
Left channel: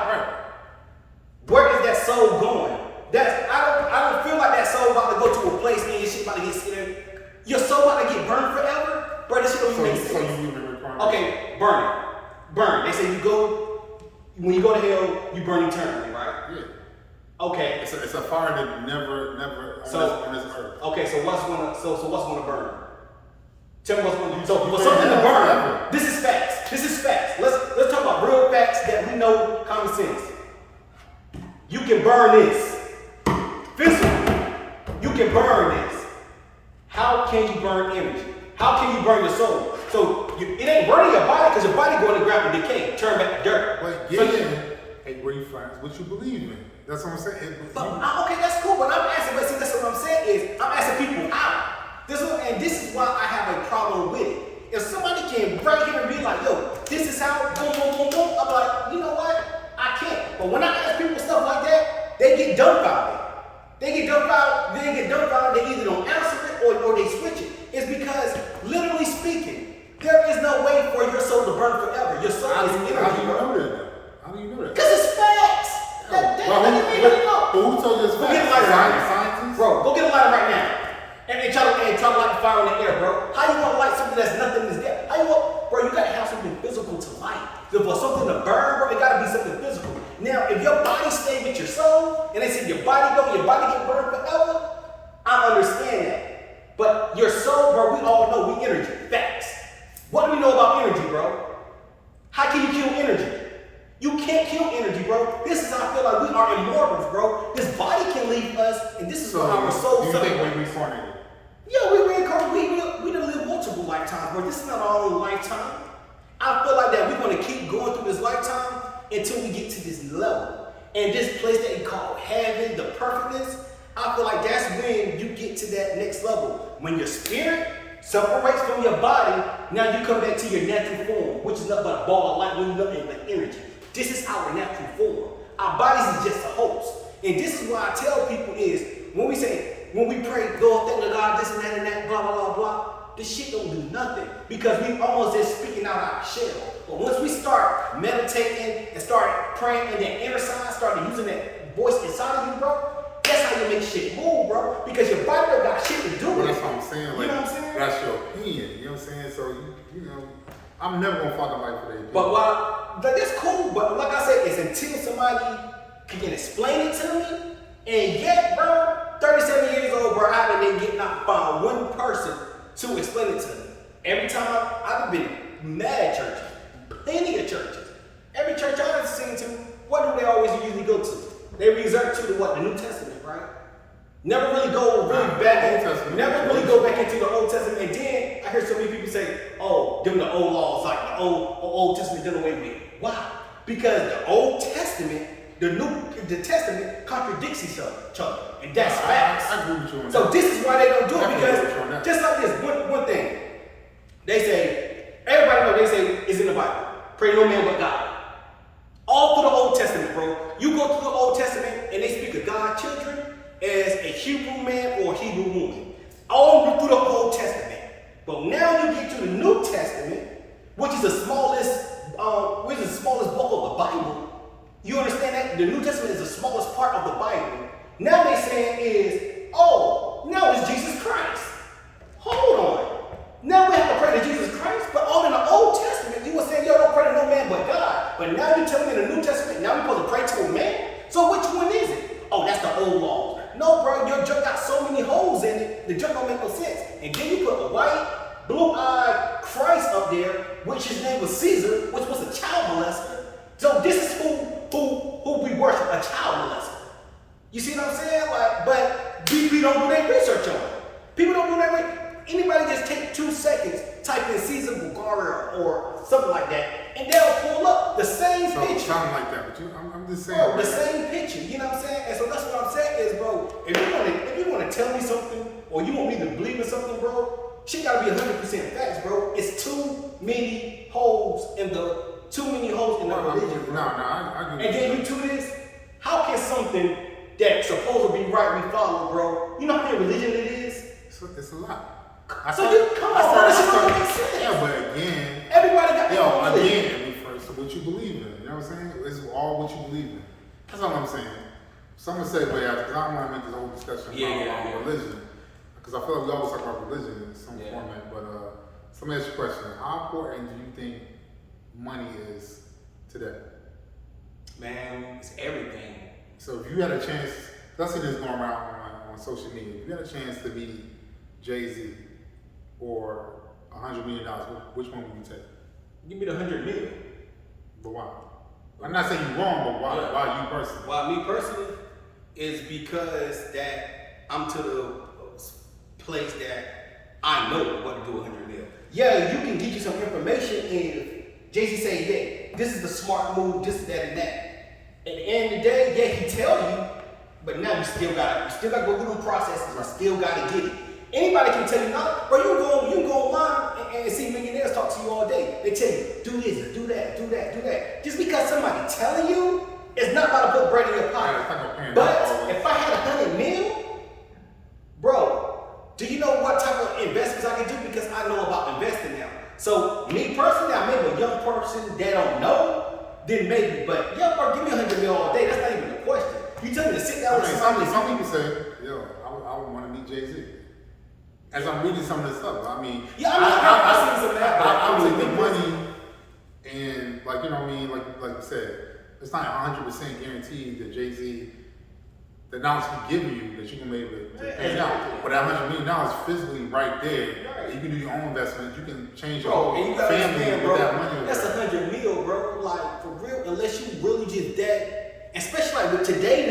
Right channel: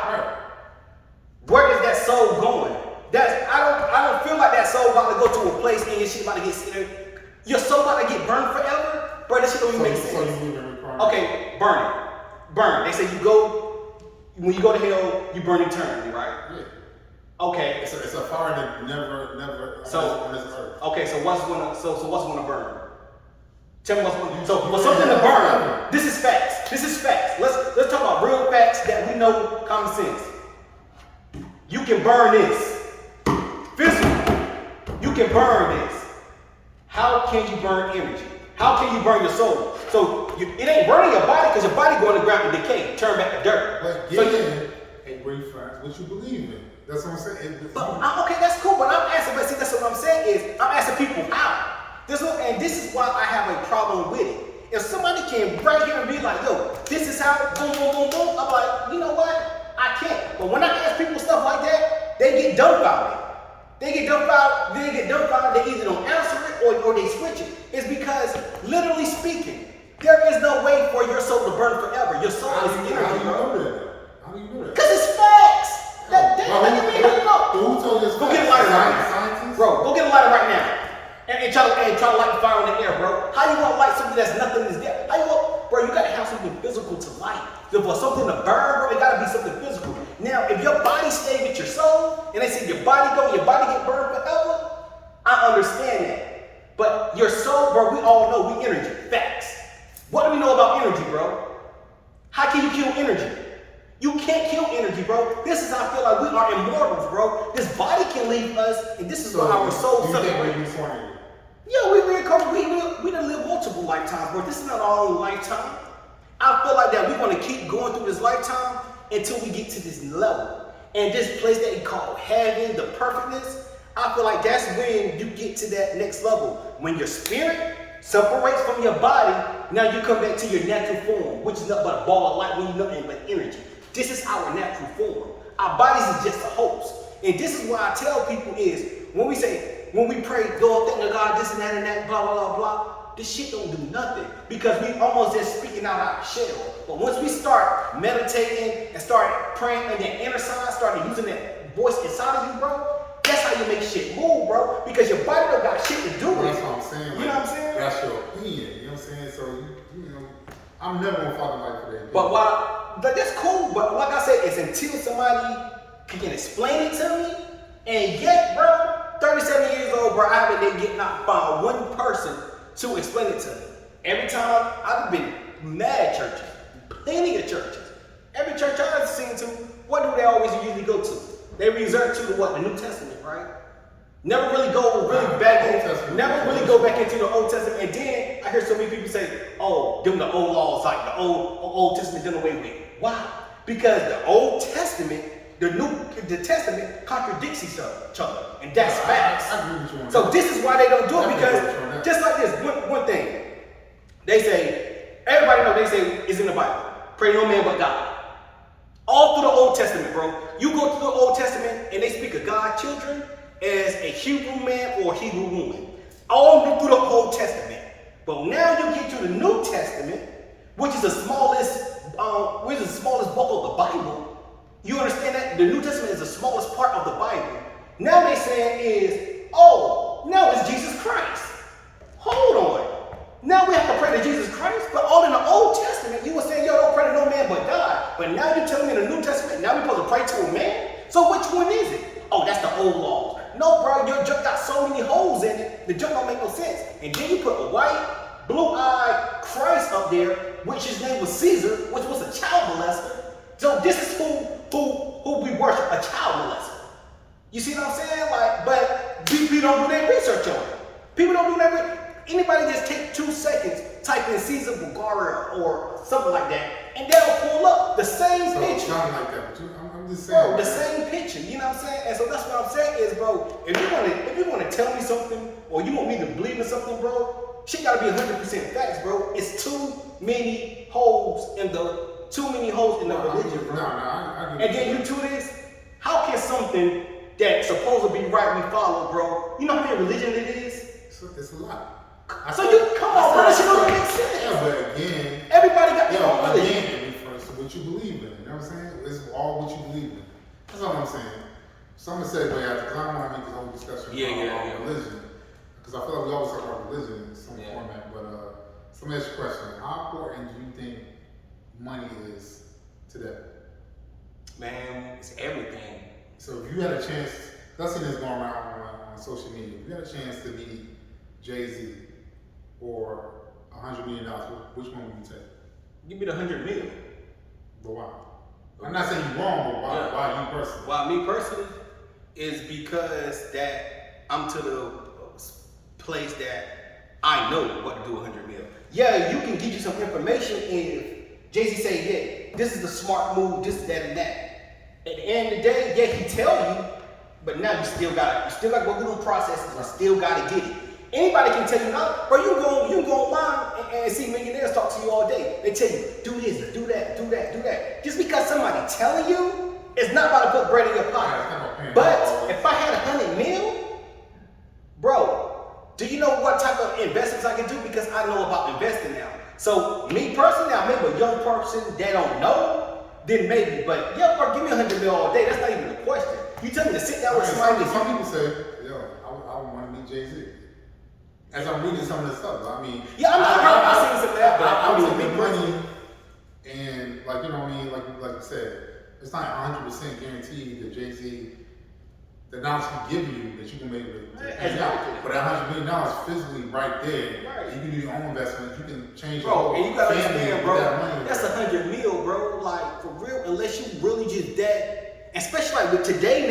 where is that soul going? I don't feel like that soul about to go to a place and your shit about to get scared. Your soul about to get burned forever? Bro, this shit don't even make sense. So you believe in reincarnation? Okay, burn it. Burn. They say when you go to hell, you burn eternally, right? Yeah. Okay. It's a fire that never on this earth. Okay, so what's gonna burn? Tell me what's gonna. So for something to burn. This is facts. Let's talk about real facts that we know, common sense. You can burn this physically. You can burn this. How can you burn energy? How can you burn your soul? So it ain't burning your body because your body going to grab and decay, turn back to dirt. But hey, where you find what you believe in? That's what I'm saying. Okay, that's cool. But I'm asking. But see, that's what I'm saying is I'm asking people how. This is why I have a problem with it. If somebody came right here and be like, "Yo, this is how," boom, boom, boom, boom, I'm like, you know what? I can't. But when I ask people stuff like that, they get dumbfounded. They either don't answer it or they switch it. It's because, literally speaking, there is no way for your soul to burn forever. Your soul is energy, bro. How do you know that? Because it's facts. Who told you this? Go get a lighter right Scientists? Bro, go get a lighter right now. And try to light the fire in the air, bro. How you want to light something that's nothing is there? Bro, you got to have something physical to light. For something to burn, bro, it got to be something physical. Now, if your body stays with your soul, and they say your body get burned forever, I understand that. But your soul, bro, we all know we energy. Facts. What do we know about energy, bro? How can you kill energy? You can't kill energy, bro. This is how I feel like we are immortals, bro. This body can leave us, and this is where our soul separates. You think we're reincarnated? Yeah, we done live multiple lifetimes, bro. This is not our own lifetime. I feel like that we're going to keep going through this lifetime until we get to this level. And this place that you call heaven, the perfectness, I feel like that's when you get to that next level. When your spirit separates from your body, now you come back to your natural form, which is nothing but a ball of light, when you nothing but energy. This is our natural form. Our bodies is just a host. And this is what I tell people is, when we pray, Lord, thank God, this and that, blah, blah, blah, blah, this shit don't do nothing because we almost just speaking out our shell. But once we start meditating and start praying in that inner side, start using that voice inside of you, bro, that's how you make shit move, bro. Because your body don't got shit to do with it. That's what I'm saying. You know what I'm saying? That's your opinion. You know what I'm saying? So, you know, I'm never going to follow life for that. But that's cool. But like I said, it's until somebody can explain it to me. And yet, bro, 37 years old, bro, I haven't found one person to explain it to me. Every time I've been mad at churches, plenty of churches. Every church I've seen to, what do they always usually go to? They resort to the New Testament, right? Never really go back into the Old Testament. And then I hear so many people say, "Oh, them the old laws, like the old Testament done away with." Why? Because the Old Testament, the Testament contradicts each other, and that's facts. I agree with you on So that. this is why they don't do it, Definitely agree with you on because that. just like this, one thing, they say, everybody know, they say it's in the Bible, pray no man but God. All through the Old Testament, bro. You go through the Old Testament and they speak of God's children as a Hebrew man or a Hebrew woman. All through the Old Testament. But now you get to the New Testament, which is the smallest book of the Bible. You understand that? The New Testament is the smallest part of the Bible. Now they saying is, oh, now it's Jesus Christ. Hold on. Now we have to pray to Jesus Christ, but all in the Old Testament, you were saying, yo, don't pray to no man but God. But now you're telling me in the New Testament, now we're supposed to pray to a man? So which one is it? Oh, that's the old law. No, bro, your junk got so many holes in it, the junk don't make no sense. And then you put a white, blue-eyed Christ up there, which his name was Caesar, which was a child molester. So this is who we worship, a child molester. You see what I'm saying? Like, but we don't do their research on it. People don't do their research. Anybody just take 2 seconds, type in Caesar Bulgaria or something like that, and they'll pull up the same picture. Sound like that, but I'm just saying. Bro, the same picture, you know what I'm saying? And so that's what I'm saying is, bro, if you want to tell me something or you want me to believe in something, bro, shit gotta be 100% facts, bro. It's too many holes in the religion, bro. No, I agree. And then you do this, how can something that's supposed to be right we follow, bro? You know how many religion it is? It's a lot. So you come on, bro, this shit don't make sense. Yeah, but again, everybody got their own religion. again, it refers to what you believe in. You know what I'm saying? It's all what you believe in. That's all I'm saying. So I'm gonna segue out because I don't want to make this whole discussion about religion. Because I feel like we always talk about religion in some format. But so let me ask you a question. How important do you think money is today? Man, it's everything. So if you had a chance, I've seen this going around on social media. If you had a chance to meet Jay-Z or $100 million, which one would you take? Give me the 100 million. But why? I'm not saying you're wrong, but why? Yeah. Why you personally? Why me personally is because that I'm to the place that I know what to do 100 mil. Yeah, you can get you some information if Jay-Z say, yeah, this is the smart move, this, that, and that. At the end of the day, yeah, he tell you, but now you still gotta go through the processes and still gotta get it. Anybody can tell you now, bro, you can go online and see millionaires talk to you all day. They tell you, do this, do that, do that, do that. Just because somebody telling you, it's not about to put bread in your pocket. But if I had 100 mil, bro, do you know what type of investments I can do? Because I know about investing now. So me personally, I maybe a young person that don't know, then maybe. But yeah, bro, give me 100 mil all day. That's not even a question. You tell me to sit down with somebody. Some people say, yo, I would want to meet Jay-Z. As I'm reading some of this stuff, I mean, yeah, I seen some of that, but I would the money, and like you know what I mean, like you said, it's not 100% guaranteed that Jay-Z, the knowledge he give you that you can be able to pay out. But that $100 million physically right there, you can do your own investment. You can change your whole and you gotta family understand, with bro. that money. That's 100 mil, bro. Like for real, unless you really just that, especially like with today,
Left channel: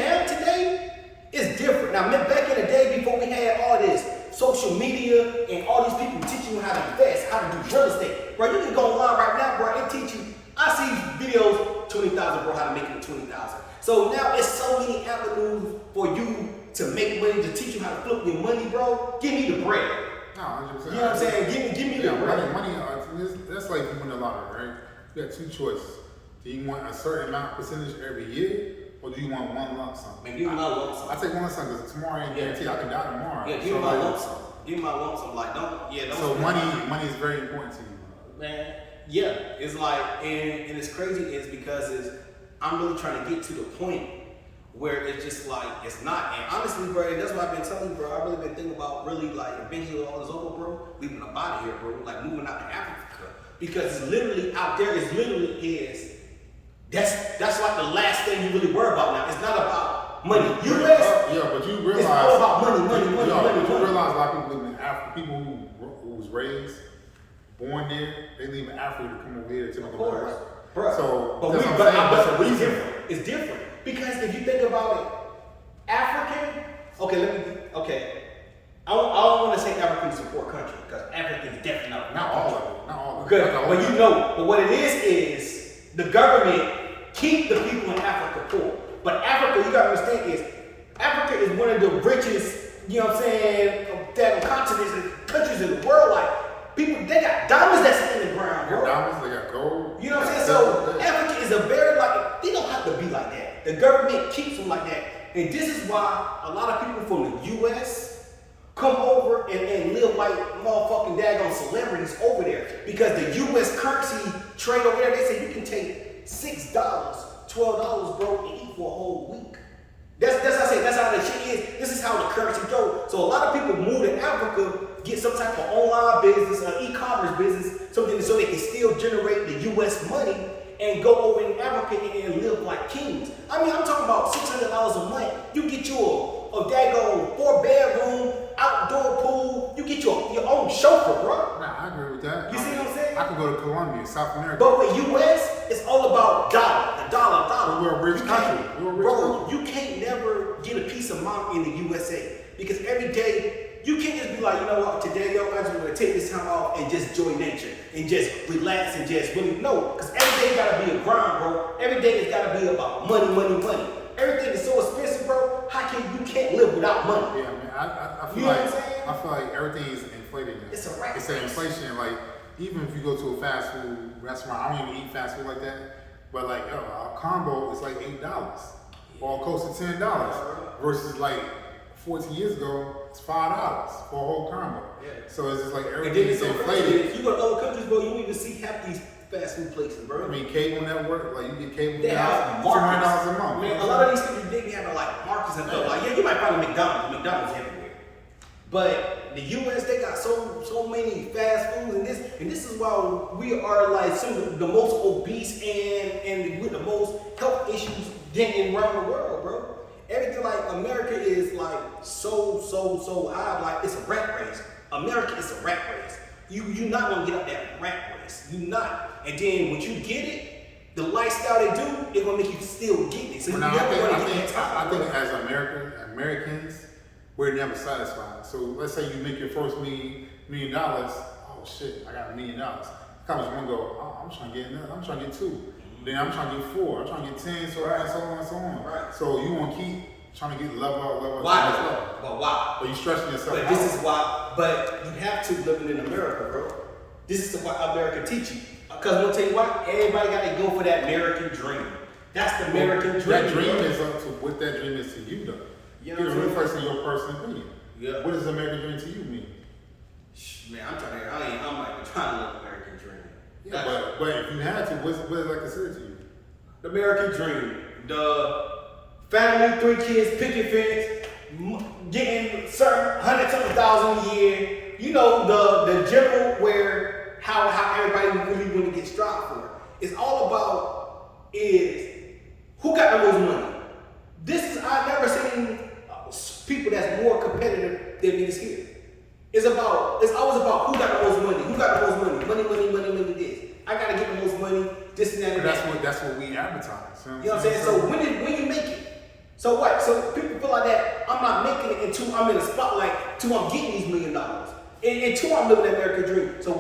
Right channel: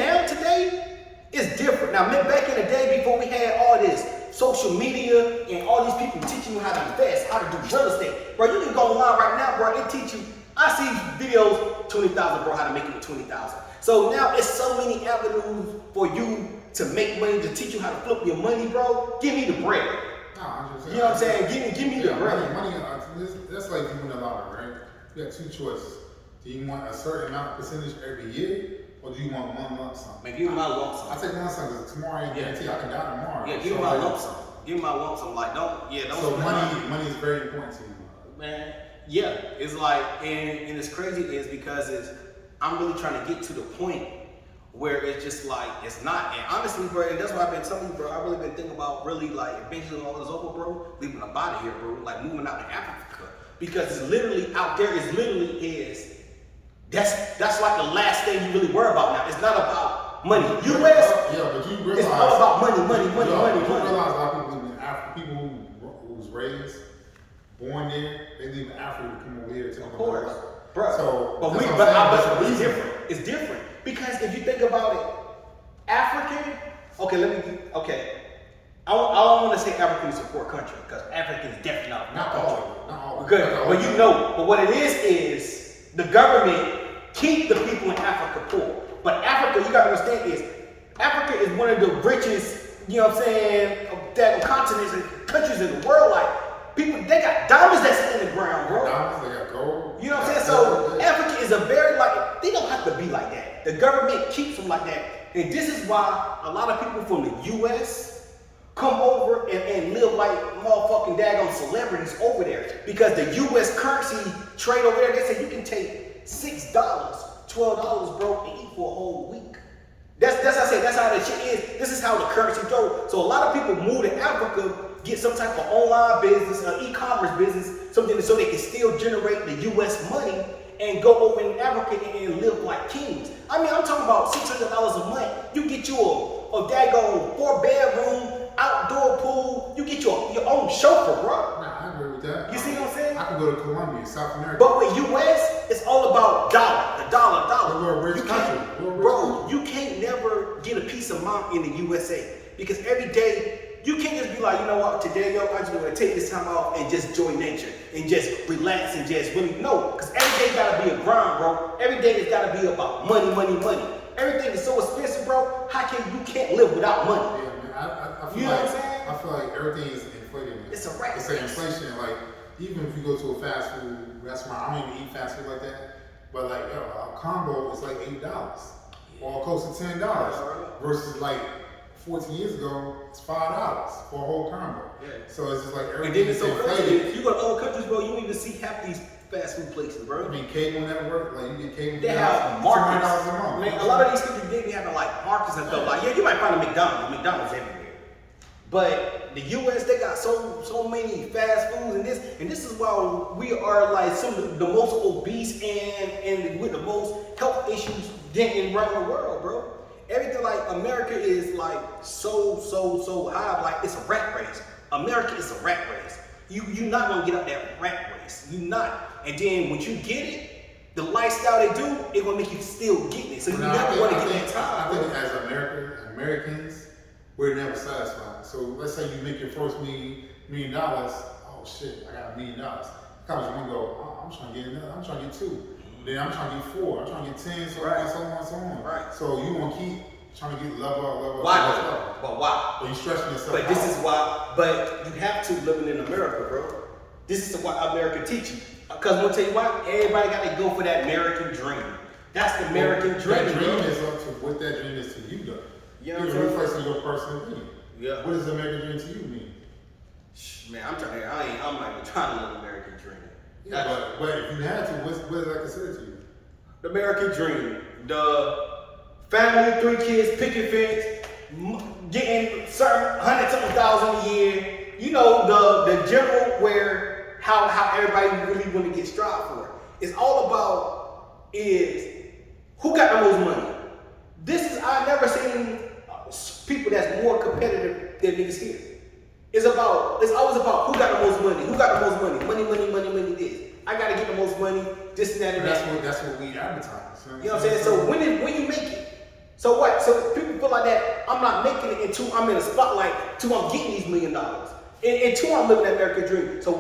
it's different. Now, back in the day before we had all this social media and all these people teaching you how to invest, how to do real estate. Bro, you can go online right now, bro, and teach you. I see videos, 20,000, bro, how to make it 20,000. So now it's so many avenues for you to make money, to teach you how to flip your money, bro. Give me the bread. No, 100%. You know what I'm saying? Give me the bread. Money, that's like you win the lottery, right? You got two choices. Do you want a certain amount percentage every year? Or do you want one lump sum? Man, give me my lump sum. I take one lump sum because tomorrow ain't guaranteed. I can die tomorrow. Yeah, give me my lump sum. Give me my lump sum. Like, don't. So money is very important to you, man. Yeah, it's like, and it's crazy is because I'm really trying to get to the point where it's just like it's not. And honestly, bro, that's what I've been telling you, bro. I've really been thinking about really like eventually all this over, bro, leaving the body here, bro, like moving out to Africa because it's literally out there. It's literally is. That's like the last thing you really worry about now. It's not about money. U.S. But you realize it's all about money. You realize money. a lot of people live in Africa. People who was raised, born there, they leave Africa to come over here to of course, bro. So, but it's different. It's different because if you think about it, African. Okay. I don't want to say African is a poor country because Africa is definitely not all of it. Not all of it. Good. Well, you know, but what it is the government keep the people in Africa poor. But Africa, you gotta understand is, Africa is one of the richest, you know what I'm saying, that continents and countries in the world. Like, people, they got diamonds that sit in the ground, bro. Diamonds, they got gold. You know what I'm saying? So Africa is a very, like, they don't have to be like that. The government keeps them like that. And this is why a lot of people from the US come over and live like motherfucking daggone celebrities over there. Because the US currency trade over there, they say you can take $6, $12, bro, and eat for a whole week. That's how I say, that's how that shit is. This is how the currency goes. So a lot of people move to Africa, get some type of online business, e-commerce business, something so they can still generate the US money and go over in Africa and live like kings. I mean, I'm talking about $600 a month. You get you a daggone 4-bedroom, outdoor pool. You get your own chauffeur, bro. Nah, I agree with that. You see what I'm saying? I can go to Colombia, South America. But with US, it's all about dollar, the dollar. We're a rich country. Bro, you can't never get a piece of mind in the USA because every day you can't just be like, you know what, today, yo, I just want to take this time off and just enjoy nature and just relax and just really, no, because every day gotta be a grind, bro. Every day it's gotta be about money. Everything is so expensive, bro. You can't live without money? Yeah, I mean, I feel You know like, what I'm saying? I feel like everything is inflated now. It's a rat It's race. like inflation. Like, even if you go to a fast food restaurant, I don't even eat fast food like that. But like, yo, a combo is like $8 or close to $10 versus like 14 years ago, it's $5 for a whole combo. Yeah. So it's just like And everything then it's is so crazy. inflated. If you go to other countries, bro, you don't even see half these fast food places, bro. I mean, cable network, like you get cable They network, have markets. $200 a month. Man, a lot of these countries, they be having like markets and stuff. Like, yeah, you might find a McDonald's everywhere. But the US, they got so many fast foods, and this is why we are like some of the most obese and with the most health issues around the world, bro. Everything like America is like so high, like it's a rat race. America is a rat race. You're not gonna get up that rat race. You're not. And then when you get it, the lifestyle they do, it gonna make you still get it. So you Now, never wanna I get that time, I bro. think as Americans, we're never satisfied. So let's say you make your first $1 million. Oh shit, I got $1 million. Comes one go, oh, I'm trying to get another. I'm trying to get 2. Then I'm trying to get 4. I'm trying to get 10. So on, so on, so on. Right. So you want to keep trying to get level up. Why level though? up. But why? But you stretching yourself But out. this is why. But you have to living in America, bro. This is what America teach you. Because I'm gonna tell you what, everybody got to go for that American dream. That's the American dream. That dream bro. is up to what that dream is to you, though. You know You what know, I'm saying? first in your personal opinion. Yeah. What does the American dream to you mean? Man, I'm like trying to live American dream. Yeah, but if you had to, what is that considered to you? The American dream, the family, 3 kids, picket fence, getting certain $100-something thousand a year. You know, the general where how everybody really want to get strive for. It's all about is who got the most money. I've never seen people that's more competitive than niggas here. It's always about who got the most money. Who got the most money? Money, this. I gotta get the most money, this and that and that. That's what we advertise. You know what I'm saying? So when you make it, so what? So people feel like that I'm not making it until I'm in the spotlight, until I'm getting these $1 million. Until I'm living that American dream. So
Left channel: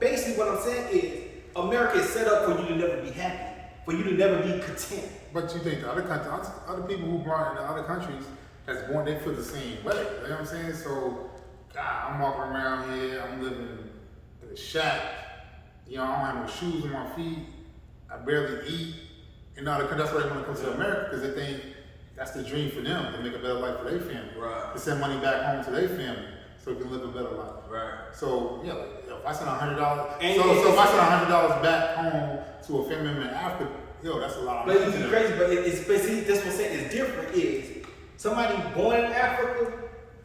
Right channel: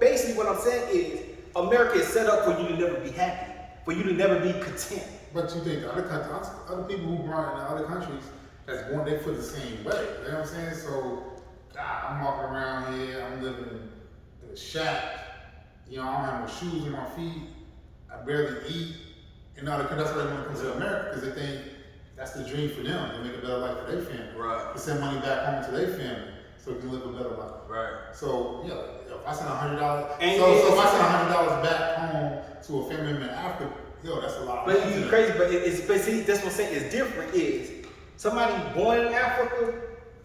basically what I'm saying is America is set up for you to never be happy, for you to never be content. But you think the other countries, other people who born in the other countries, that's born, they feel the same way. You know what I'm saying? So, God, I'm walking around here, I'm living in a shack. You know, I don't have no shoes on my feet. I barely eat. In other countries, that's why they want to come to America, because they think that's the dream for them, to make a better life for their family. Right. To send money back home to their family, so they can live a better life. Right. So, yeah, like, if I send $100, And so if I send $100 back home to a family member in Africa, yo, that's a lot. But it's crazy, but see, that's what I'm saying is different is somebody born in Africa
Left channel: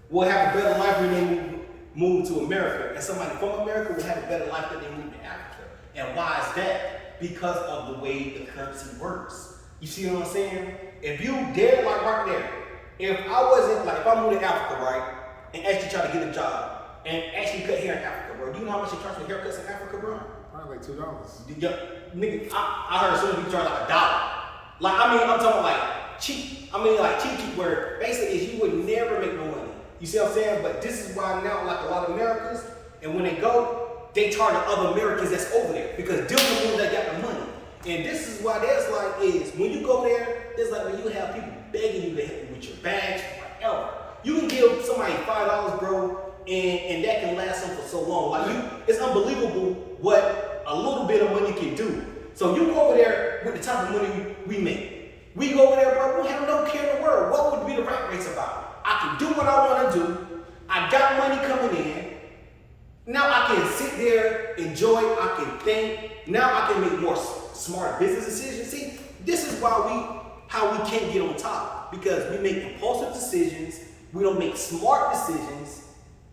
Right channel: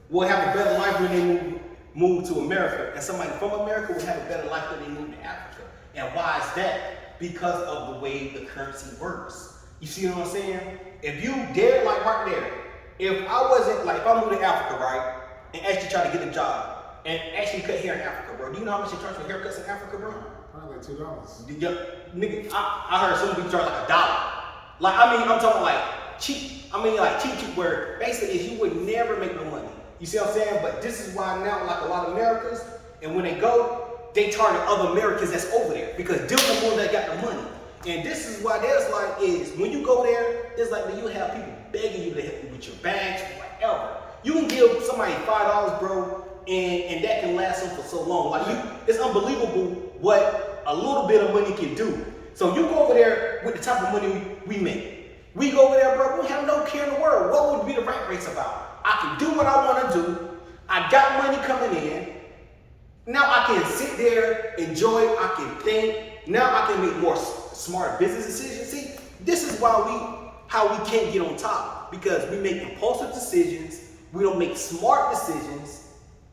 will have a better life when they move to America, and somebody from America will have a better life when they move to Africa. And why is that? Because of the way the currency works. You see what I'm saying? If you dare, like right there, if I wasn't, like if I moved to Africa, right, and actually try to get a job, and actually cut hair in Africa, bro, do you know how much they charge for haircuts in Africa, bro? Probably like $2. Yeah, nigga, I heard some people charge like $1. Like, I mean, I'm talking about like cheap. I mean, like cheap, where basically is you would never make no money. You see what I'm saying? But this is why now, like a lot of Americans, and when they go, they target other Americans that's over there because they're the ones that got the money. And this is why there's like is when you go there, it's like when you have people begging you to help you with your bags, whatever. You can give somebody $5, bro, and that can last them for so long. Like it's unbelievable what a little bit of money can do. So you go over there with the type of money we make. We go over there, bro, we have no care in the world. What would be the rat race about? I can do what I want to do. I got money coming in. Now I can sit there, enjoy it, I can think. Now I can make more smart business decisions. See, this is how we can't get on top, because we make impulsive decisions. We don't make smart decisions.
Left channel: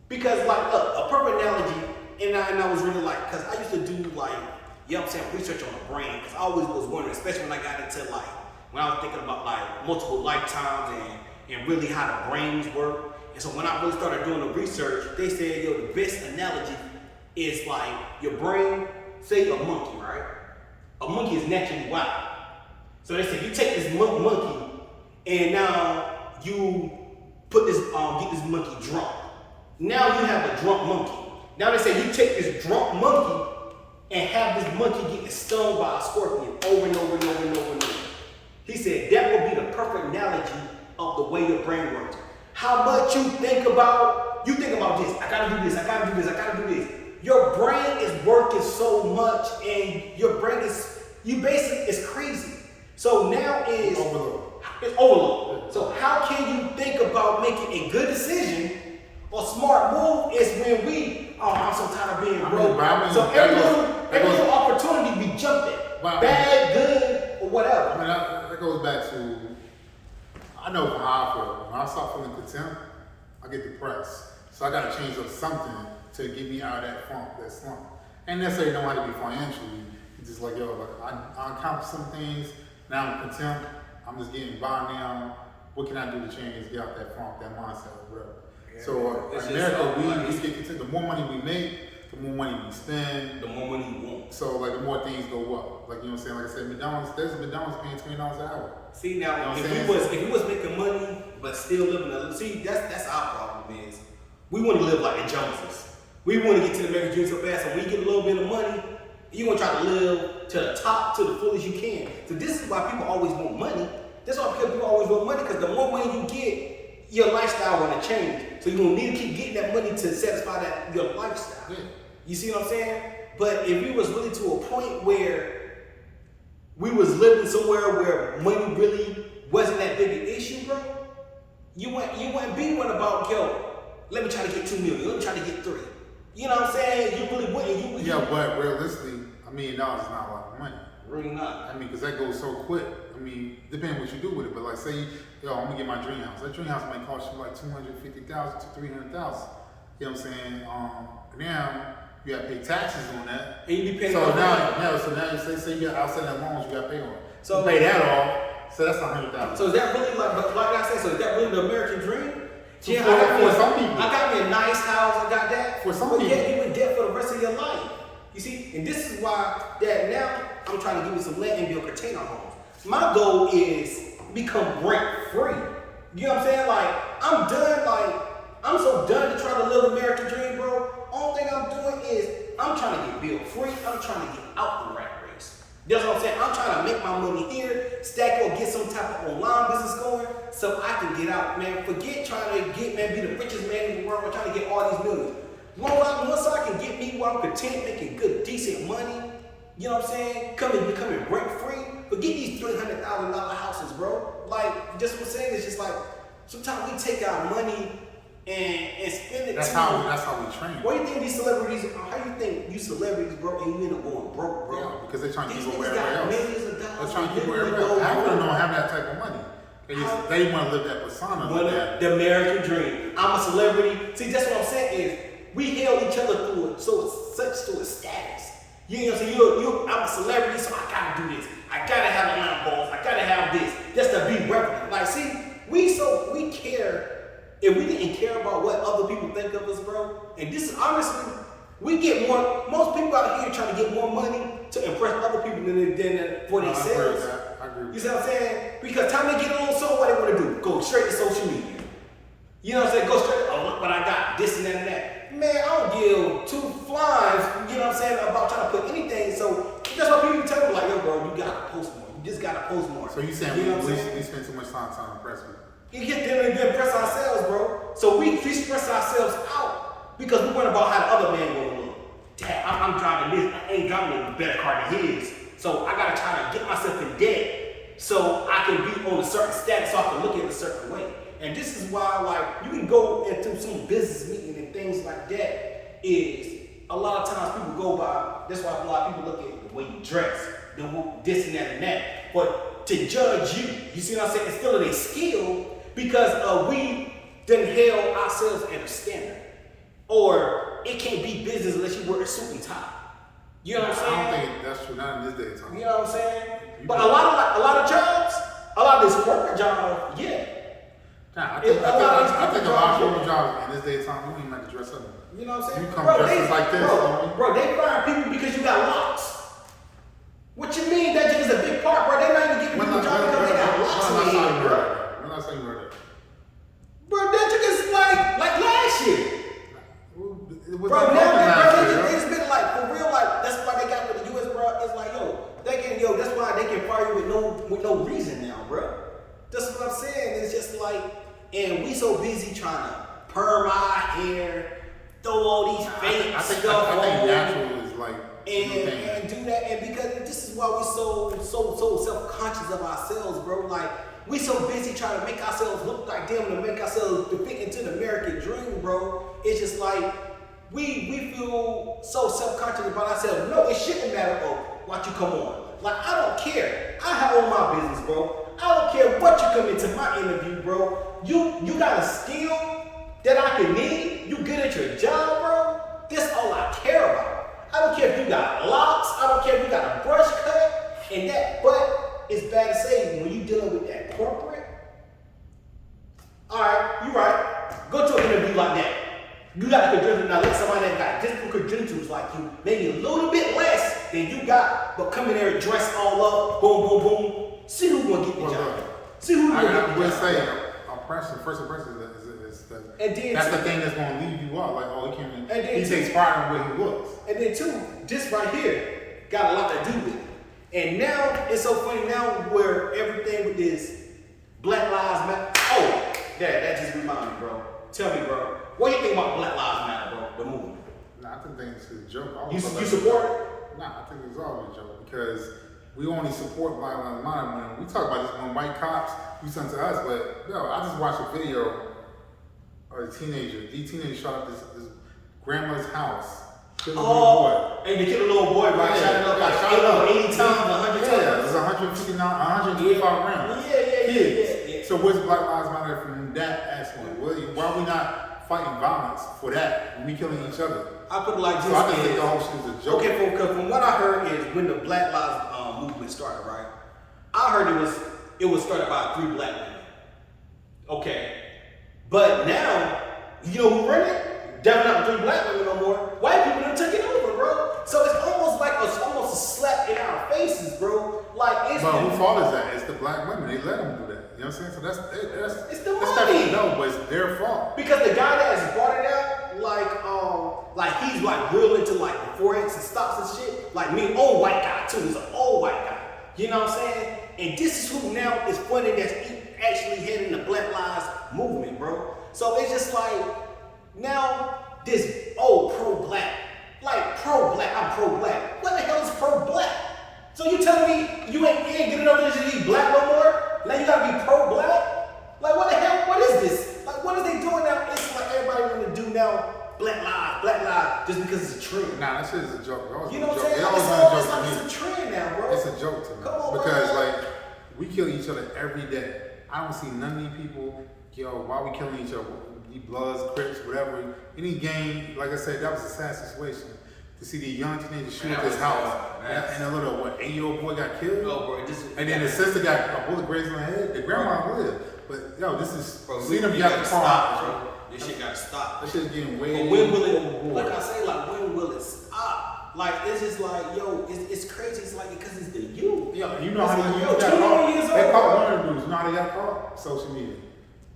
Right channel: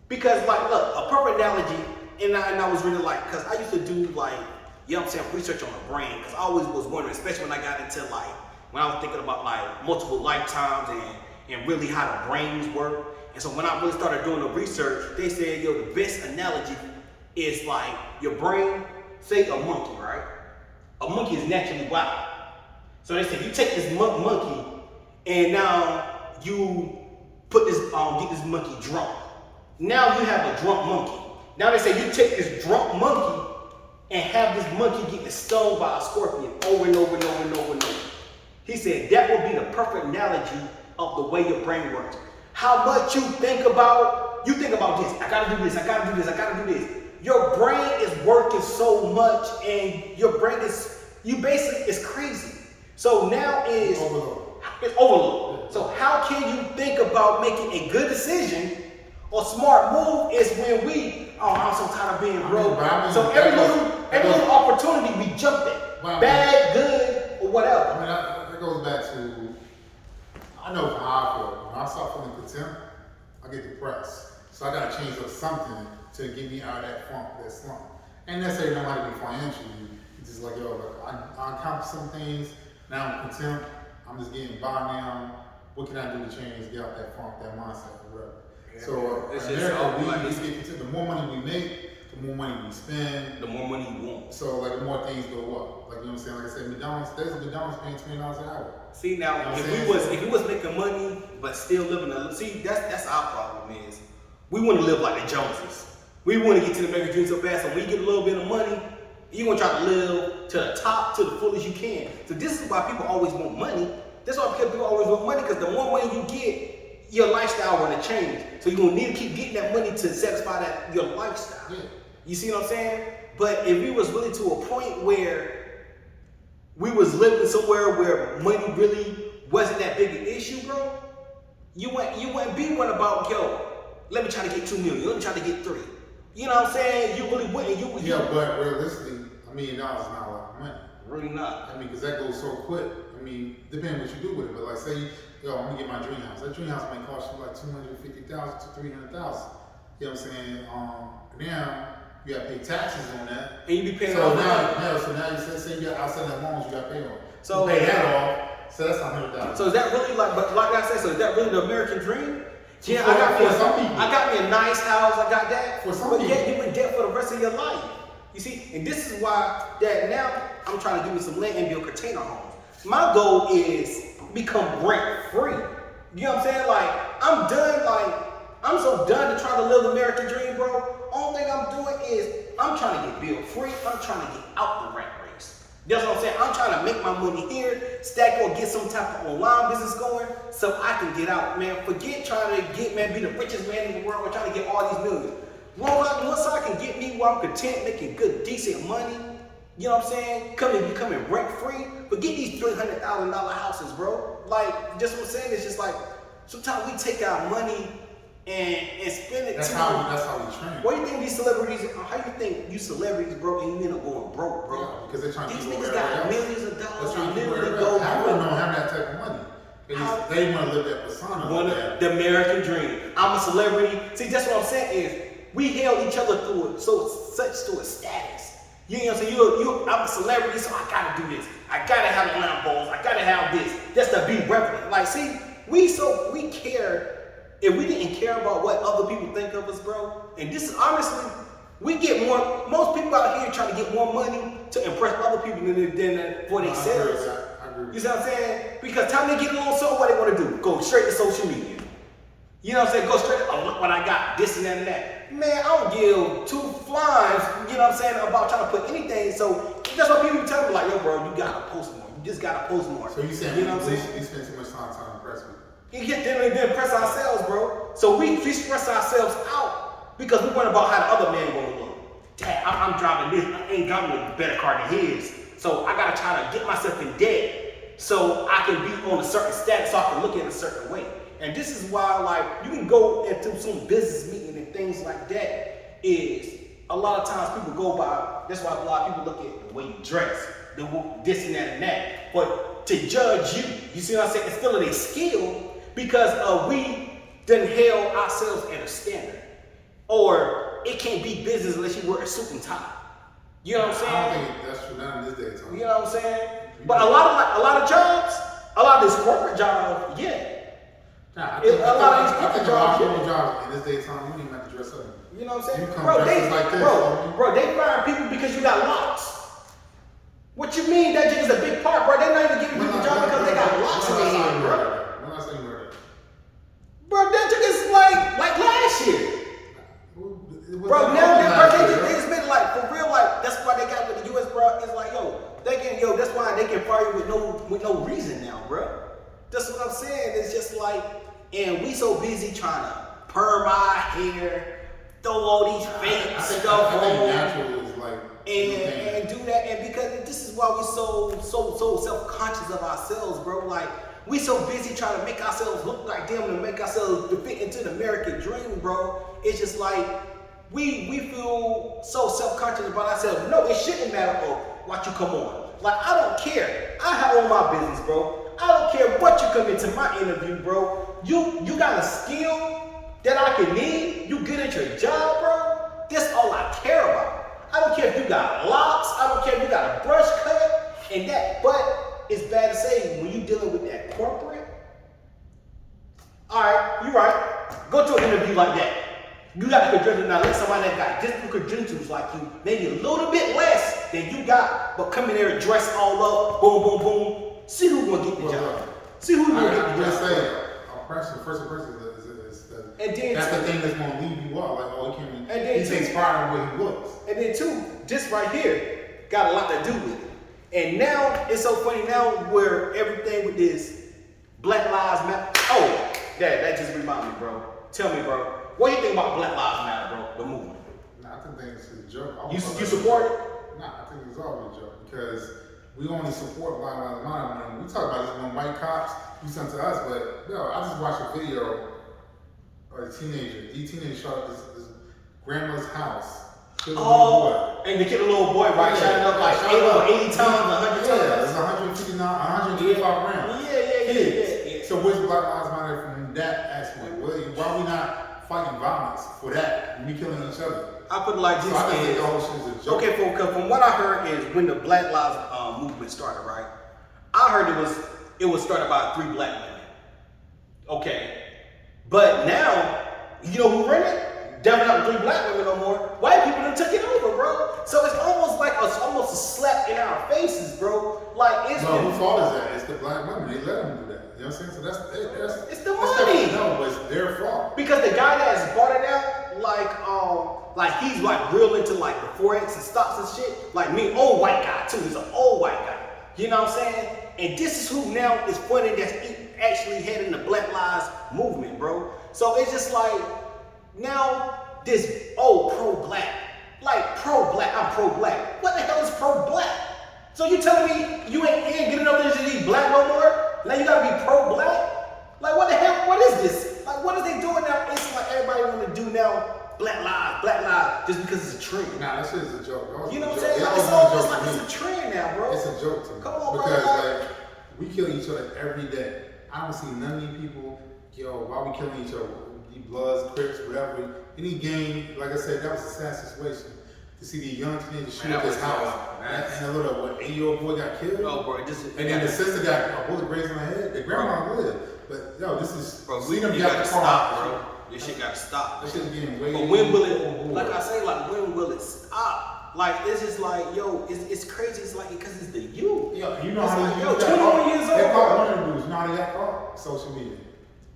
Because like, look, a perfect analogy, and I was really like, because I used to do like, you know what I'm saying, research on the brain, because I always was wondering, especially when I got into like, when I was thinking about like multiple lifetimes and really how the brains work. And so when I really started doing the research, they said, yo, the best analogy is like your brain, say a monkey, right? A monkey is naturally wild. So they said, you take this monkey and now you put this, get this monkey drunk. Now you have a drunk monkey. Now they say you take this drunk monkey and have this monkey getting stung by a scorpion over and over and over and over and over. He said that would be the perfect analogy of the way your brain works. How much you think about this, I gotta do this, I gotta do this, I gotta do this. Your brain is working so much and your brain is, it's crazy. So now it's overload. So how can you think about making a good decision or smart move is when I'm so tired of being broke. So every little opportunity we jump at. Bad, good, or whatever. I mean, that goes back to, I know how I feel. When I start feeling contempt, I get depressed. So I gotta change up something to get me out of that funk, that slump. And necessarily don't have to be financially. It's just like, yo, like I accomplished some things, now I'm content, I'm just getting by now. What can I do to change, get out that funk, that mindset, or whatever. Yeah, so in America, we get content. The more money we make, the more money we spend, the more money you want. So like the more things go up. Like, you know what I'm saying? Like I said, McDonald's, there's a McDonald's paying $20 an hour. See now, you know if we was making money but still living that's our problem is we want to live like the Joneses. We want to get to the American dream so fast, so when you get a little bit of money, you're gonna try to live to the top, to the fullest you can. So this is why people always want money. That's why people always want money, because the more money you get, your lifestyle gonna change. So you're gonna need to keep getting that money to satisfy your lifestyle. Yeah. You see what I'm saying? But if we was really to a point where we was living somewhere where money really wasn't that big an issue, bro, you wouldn't be one about, yo, let me try to get 2 million, let me try to get 3. You know what I'm saying? You really wouldn't. Yeah, but realistically, $1 million is not a lot of money. Really not. I mean, because that goes so quick. I mean, depending what you do with it. But like, say, yo, I'm gonna get my dream house. That dream house might cost you like $250,000 to $300,000. You know what I'm saying? Now you got to pay taxes on that. And you be paying. So now you say you got outstanding loans you got to pay on. So you pay that off. So that's $100,000. So is that really like I said? So is that really the American dream? So yeah, for some people. I got me a nice house. I got that. For some people. But yet you in debt for the rest of your life. You see, and this is why that now I'm trying to give me some land and build container homes. My goal is become rent free. You know what I'm saying? Like I'm so done to try to live the American dream, bro. Only thing I'm doing is I'm trying to get bill free. I'm trying to get out the rat race. That's what I'm saying. I'm trying to make my money here, stack or get some type of online business going so I can get out, man. Forget trying to be the richest man in the world or trying to get all these millions. Once I can get me where I'm content, making good, decent money, you know what I'm saying? Becoming rent free. Forget these $300,000 houses, bro. Like, just what I'm saying is just like, sometimes we take our money and spend it. That's how we train. What do you think these celebrities? How you think you celebrities, bro, and you end up going broke, bro? Yeah, because they're trying to keep everywhere else. Millions of dollars. They're trying to keep everywhere else. Half of them don't have that type of money. They want to live that persona. The American dream. I'm a celebrity. See, that's what I'm saying is we held each other through it, such to a status. You know what I'm saying? I'm a celebrity, so I gotta do this. I gotta have Lambos. I gotta have this, just to be relevant. Like, see, we care. If we didn't care about what other people think of us, bro, and this is honestly, we get more. Most people out here trying to get more money to impress other people than for themselves. I agree. You see what I'm saying? Because time they get a little soul, what they want to do? Go straight to social media. You know what I'm saying? Go straight. Oh, look what I got. This and that. Man, I don't give 2 flies. You know what I'm saying? About trying to put anything. So That's why people tell me like, yo, bro, you gotta post more. You just gotta post more. So you saying you know we spend too much time trying to impress people? You get them and then impress ourselves, bro. So we stress ourselves out because we worry about how the other man gonna look. Dad, I'm driving this. I ain't driving a better car than his. So I gotta try to get myself in debt so I can be on a certain status, so I can look at it a certain way. And this is why, like, you can go into some business meeting and things like that. Is a lot of times people go by. That's why a lot of people look at the way you dress, this and that and that. But to judge you see what I'm saying? It's still a skill because we done held ourselves at a standard, or it can't be business unless you wear a suit and tie. You know what I'm saying? I don't think that's true. Not in this day of time. You know what I'm saying? But a lot of jobs, a lot of this corporate jobs, yeah. Nah, I think a lot of corporate jobs in this day of time, you don't even have to dress up. You know what I'm saying? You come dressed like this. Bro, they fire people because you got locks. What you mean? That just is a big part, bro. They're not even giving people jobs because they got locks in their head, bro. When last time you heard that? Bro, that just is like last year. Bro, now it's been like, for real, like, that's why they got with the US, bro. It's like, that's why they can fire you with no reason now, bro. That's what I'm saying. It's just like, and we so busy trying to perm our hair, throw all these fake stuff on, natural is like, and do that, and because this is why we so self-conscious of ourselves, bro. Like, we so busy trying to make ourselves look like them, to make ourselves to fit into the American dream, bro. It's just like, we feel so self-conscious about ourselves. No, it shouldn't matter what you come on. Like, I don't care. I own my business, bro. I don't care what you come into my interview, bro. You got a skill that I can need. You good at your job, bro. That's all I care about. I don't care if you got locks. I don't care if you got a brush cut and that. But it's bad to say when you dealing with that corporate. All right, you right. Go to an interview like that. You got a credential. Now let somebody that got different credentials like you, maybe a little bit less than you got, but come in there dress all up, boom, boom, boom. See who's gonna get the job. See who's gonna get the job. Say, first impression is that's the thing that's gonna leave you out. Like, he takes pride in where he looks. And then two, this right here got a lot to do with it. And now it's so funny now where everything with this Black Lives Matter. Oh, that just reminded me, bro. Tell me, bro. What do you think about Black Lives Matter, bro? The movement. Nah, I think it's a joke. You support it? Nah, I think it's always a joke because we only support Black Lives Matter when we talk about this when white cops do something to us. But yo, I just watched a video of a teenager. The teenager shot up this grandma's house. And they killed a little boy by shutting up like 80 times, 100 times. Yeah, it was 125 rounds. Yeah. So where's Black Lives Matter from that aspect? Why are we not fighting violence for that and we killing each other? I put it like this. So I think the whole shit is a joke. Okay, from what I heard is when the Black Lives movement started, right? I heard it was started by 3 black women. Okay. But now, you know who ran it? Definitely not 3 black women no more. White people done took it over, bro. So it's almost like almost a slap in our faces, bro. Like it's whose fault is that? It's the black women. They let them do that. You know what I'm saying? So that's it's the money. No, but it's their fault. Because the guy that's brought it out, like he's like real into like the forex and stocks and shit. Like me, old white guy too. He's an old white guy. You know what I'm saying? And this is who now is funny that's actually heading the Black Lives movement, bro. So it's just like now this pro-black. Like pro-black, I'm pro-black. What the hell is pro-black? So you telling me you ain't good enough to be black no more? Now you gotta be pro-black? Like what the hell, what is this? Like what is they doing now? It's like everybody wanna do now black lives, just because it's a trend. Nah, that shit is a joke. You know what I'm saying? It always been a joke to me. It's a trend now, bro. It's a joke to me. Come on, because bro. like we kill each other every day. I don't see none of these people, why we killing each other? The Bloods, Crips, whatever. Any gang, like I said, that was a sad situation. To see the young teenager shoot up his house, and a little 8-year-old boy got killed. Oh, bro, and then the sister got a bullet grazed on her head. The grandma lived, but this is see them got the car stop, bro. This shit gotta stop. This shit is getting way. But when will it? Like I say, like when will it stop? Like it's just like it's crazy. It's like because it's the youth. Yo, you know how they got 21 years old. They caught one of the dudes. You know how they got caught? Social media.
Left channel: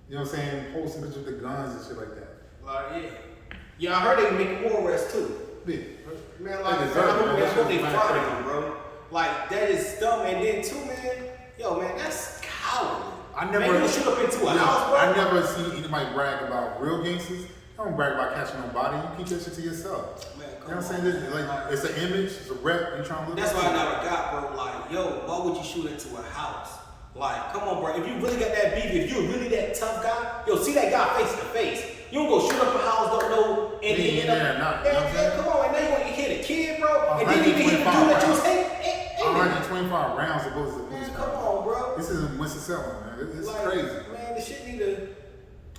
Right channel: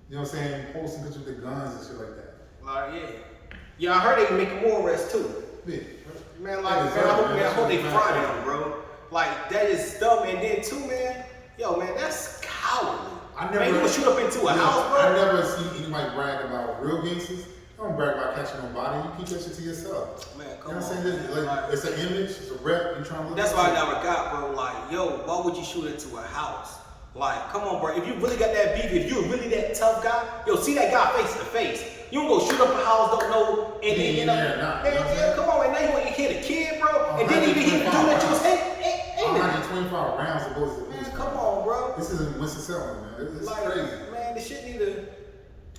You know what I'm saying? Posting pictures with the guns and shit like that. Like yeah, I heard they making more arrests too. Yeah. Man, like I hope they fry them, bro. Like, that is dumb. And then too, man, yo, man, that's cowardly. I never. Man, you shoot up into a house, bro. I never see anybody brag about real gangsters. You don't brag about catching nobody. You keep that shit to yourself. Man, You know what I'm saying? This, like, it's an image, it's a rep. You trying to look. That's why I never got, bro. Like, yo, why would you shoot into a house? Like, come on, bro. If you really got that beef, if you're really that tough guy, yo, see that guy face to face. You don't go shoot up a house, don't know, and then end up. Man, come on, and now you want to hit a kid, bro, and then you even do what you say. 125 rounds supposed to. Man, come on, bro. This isn't Winston-Salem, man. It's like, crazy. Man, the shit need to.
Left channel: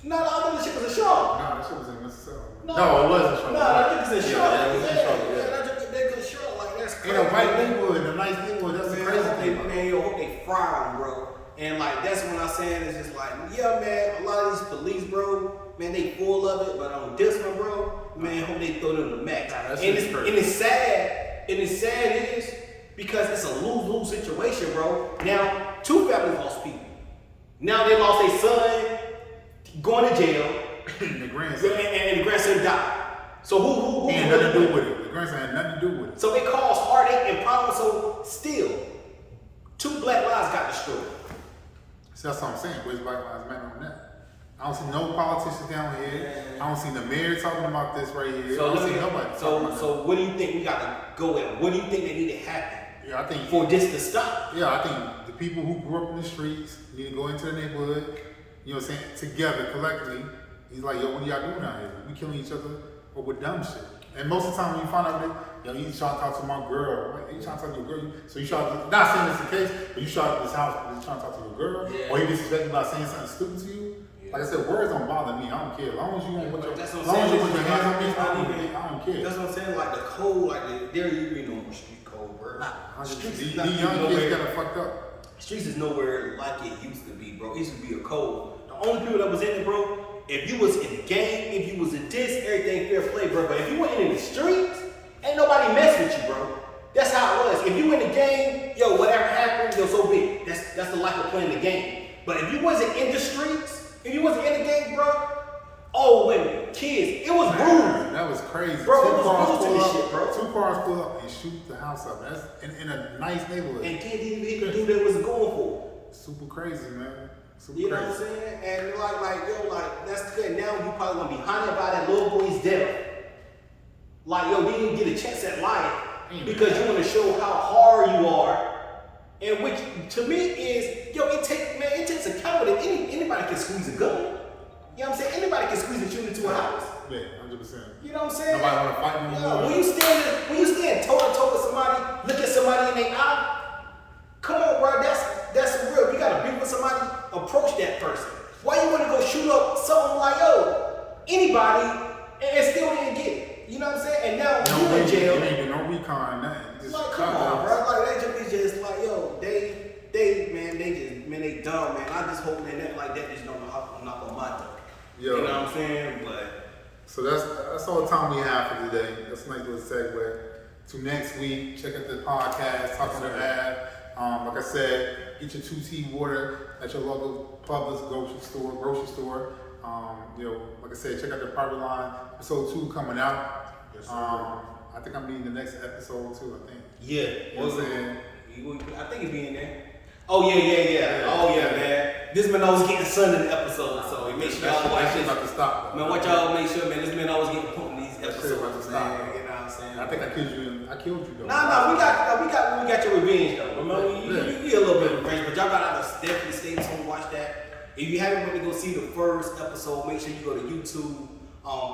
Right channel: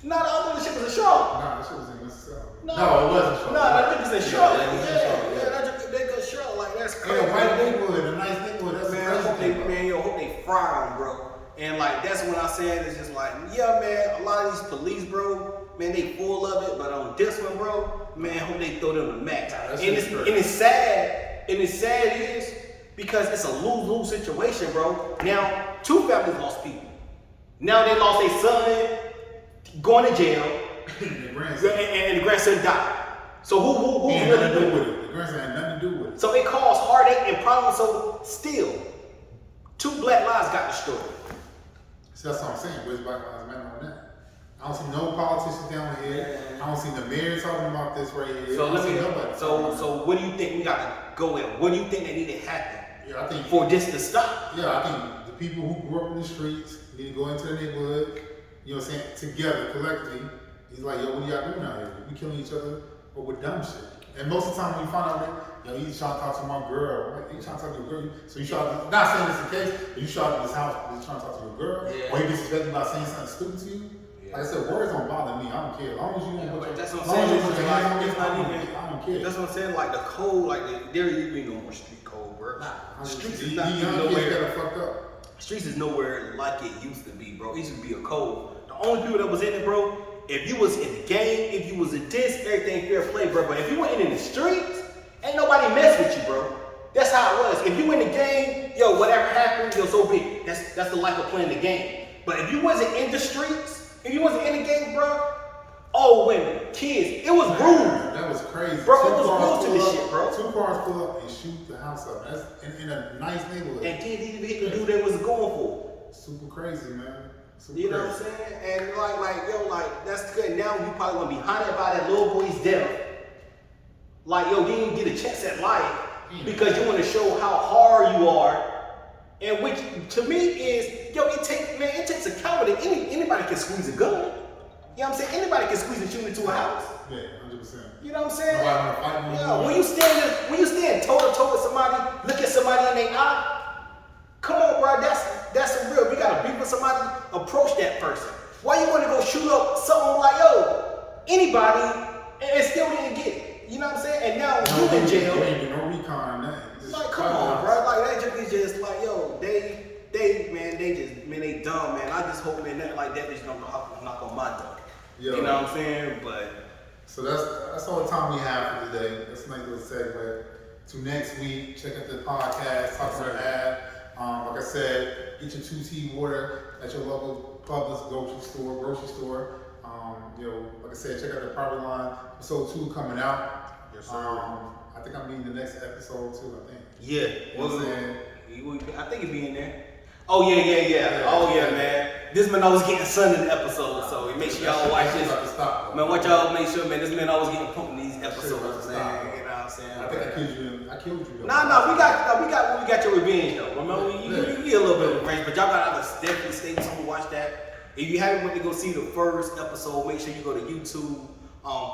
Nah, I thought the shit was in Charlotte. Nah, that shit was in Winston-Salem. No, it wasn't Charlotte. Nah, that shit was in Charlotte. Yeah, it was in Charlotte. Yeah, that shit they good Charlotte. Like, that's crazy. In a white neighborhood, a nice neighborhood. That's Man, crazy. I hope they fry them, bro. And like that's when I saying it's just like, yeah, man, a lot of these police, bro, man, they full of it, but on this one, bro, man, hope they throw them the max. Nah, and it's sad. And it's sad is because it's a lose-lose situation, bro. Now, two families lost people. Now they lost their son going to jail, And the grandson. and the grandson died. So who had nothing to do with it. The grandson had nothing to do with it. So it caused heartache and problems. So still, 2 black lives got destroyed. See, that's what I'm saying. Where's Black Lives Matter on that? I don't see no politicians down here. I don't see the mayor talking about this right here. So I don't see nobody. So what do you think we gotta go with? What do you think that need to happen Yeah, I think for this to stop? Yeah, I think the people who grew up in the streets need to go into the neighborhood, you know what I'm saying, together, collectively. He's like, yo, what are y'all doing out here? We killing each other over dumb shit. And most of the time when you find out, yo, you trying to talk to my girl. Like, you trying to talk to your girl? So you trying to, not saying it's the case, but you shot up this house because you trying to talk to your girl? Yeah. Or he disrespect you by saying something stupid to you? Yeah. Like I said, words don't bother me. I don't care. As long as you won't put your, That's what as I'm long as saying. you put your hands on me, It's not even- I don't care. That's what I'm saying. Like the code, like there ain't no more street code, bro. Streets is not These young kids nowhere. got it fucked up. Streets is nowhere like it used to be, bro. It used to be a code. The only people that was in it, bro, if you was in the game, if you was in this, everything fair play, bro. But if you went in the streets, ain't nobody mess with you, bro. That's how it was. If you in the game, yo, whatever happened, yo, so big. That's the life of playing the game. But if you wasn't in the streets, if you wasn't in the game, bro, oh, when kids, it was rude. That was crazy. Bro, Two it was cars rude to pull this up- shit, bro. 2 cars pull up and shoot the house up. That's in a nice neighborhood. And kids didn't even hit the dude they was going for. Super crazy, man. Super You know what I'm crazy. saying? And like, that's good. Now you probably gonna be haunted by that little boy's death. Like, yo, you didn't get a chance at life because you want to show how hard you are. And which to me is, yo, it takes a coward. Anybody can squeeze a gun. You know what I'm saying? Anybody can squeeze and shoot into a house. Yeah, 100%. You know what I'm saying? Nobody wanna fight no Yeah, more. when you stand toe to toe with somebody, look at somebody in their eye. Come on, bro, that's some real. If you got a beef with somebody, approach that person. Why you want to go shoot up something like, yo, anybody, and still didn't get it? You know what I'm saying? And now you in jail. You ain't do no recon, nothing. Just Like, come on, bro. Like that just like, yo, they dumb, man. I just hope man, nothing like that just don't knock on my door. Yo. You know what I'm saying? But So that's all the time we have for today. That's a nice little segue to next week. Check out the podcast, Talk On The Ave. Like I said, get your 2T water at your local Publix grocery store. You know, like I said, check out the Private Line episode 2 coming out. Yes, sir. I think I'm being the next episode too. I think. yeah, You know what I'm saying? I think he'd be in there. Oh yeah. Oh yeah, man. This man always getting sun in the episode, so make sure y'all watch this. About to stop, though. Man, watch y'all make sure, man. This man always getting pumped in these That shit episodes, about to man. stop. You know what I'm saying? I think I killed you though. Nah, we got your revenge though. Remember, you get a little bit of revenge, but y'all gotta definitely stay tuned to watch that. If you haven't went to go see the first episode, make sure you go to YouTube,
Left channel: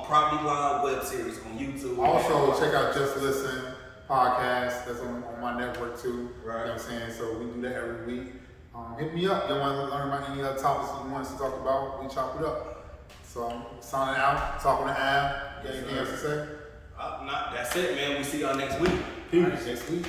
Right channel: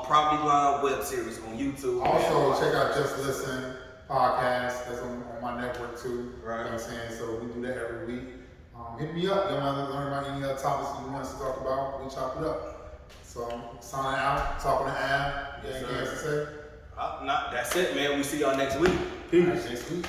Property Line web series on YouTube. Also, check out Just Listen podcast. That's on my network too. Right. You know what I'm saying? So we do that every week. Hit me up. You want to learn about any other topics you want us to talk about? We chop it up. So I'm signing out. Talk On The Ave. Yes, Anything else to say? That's it, man. We see y'all next week. All right, next week.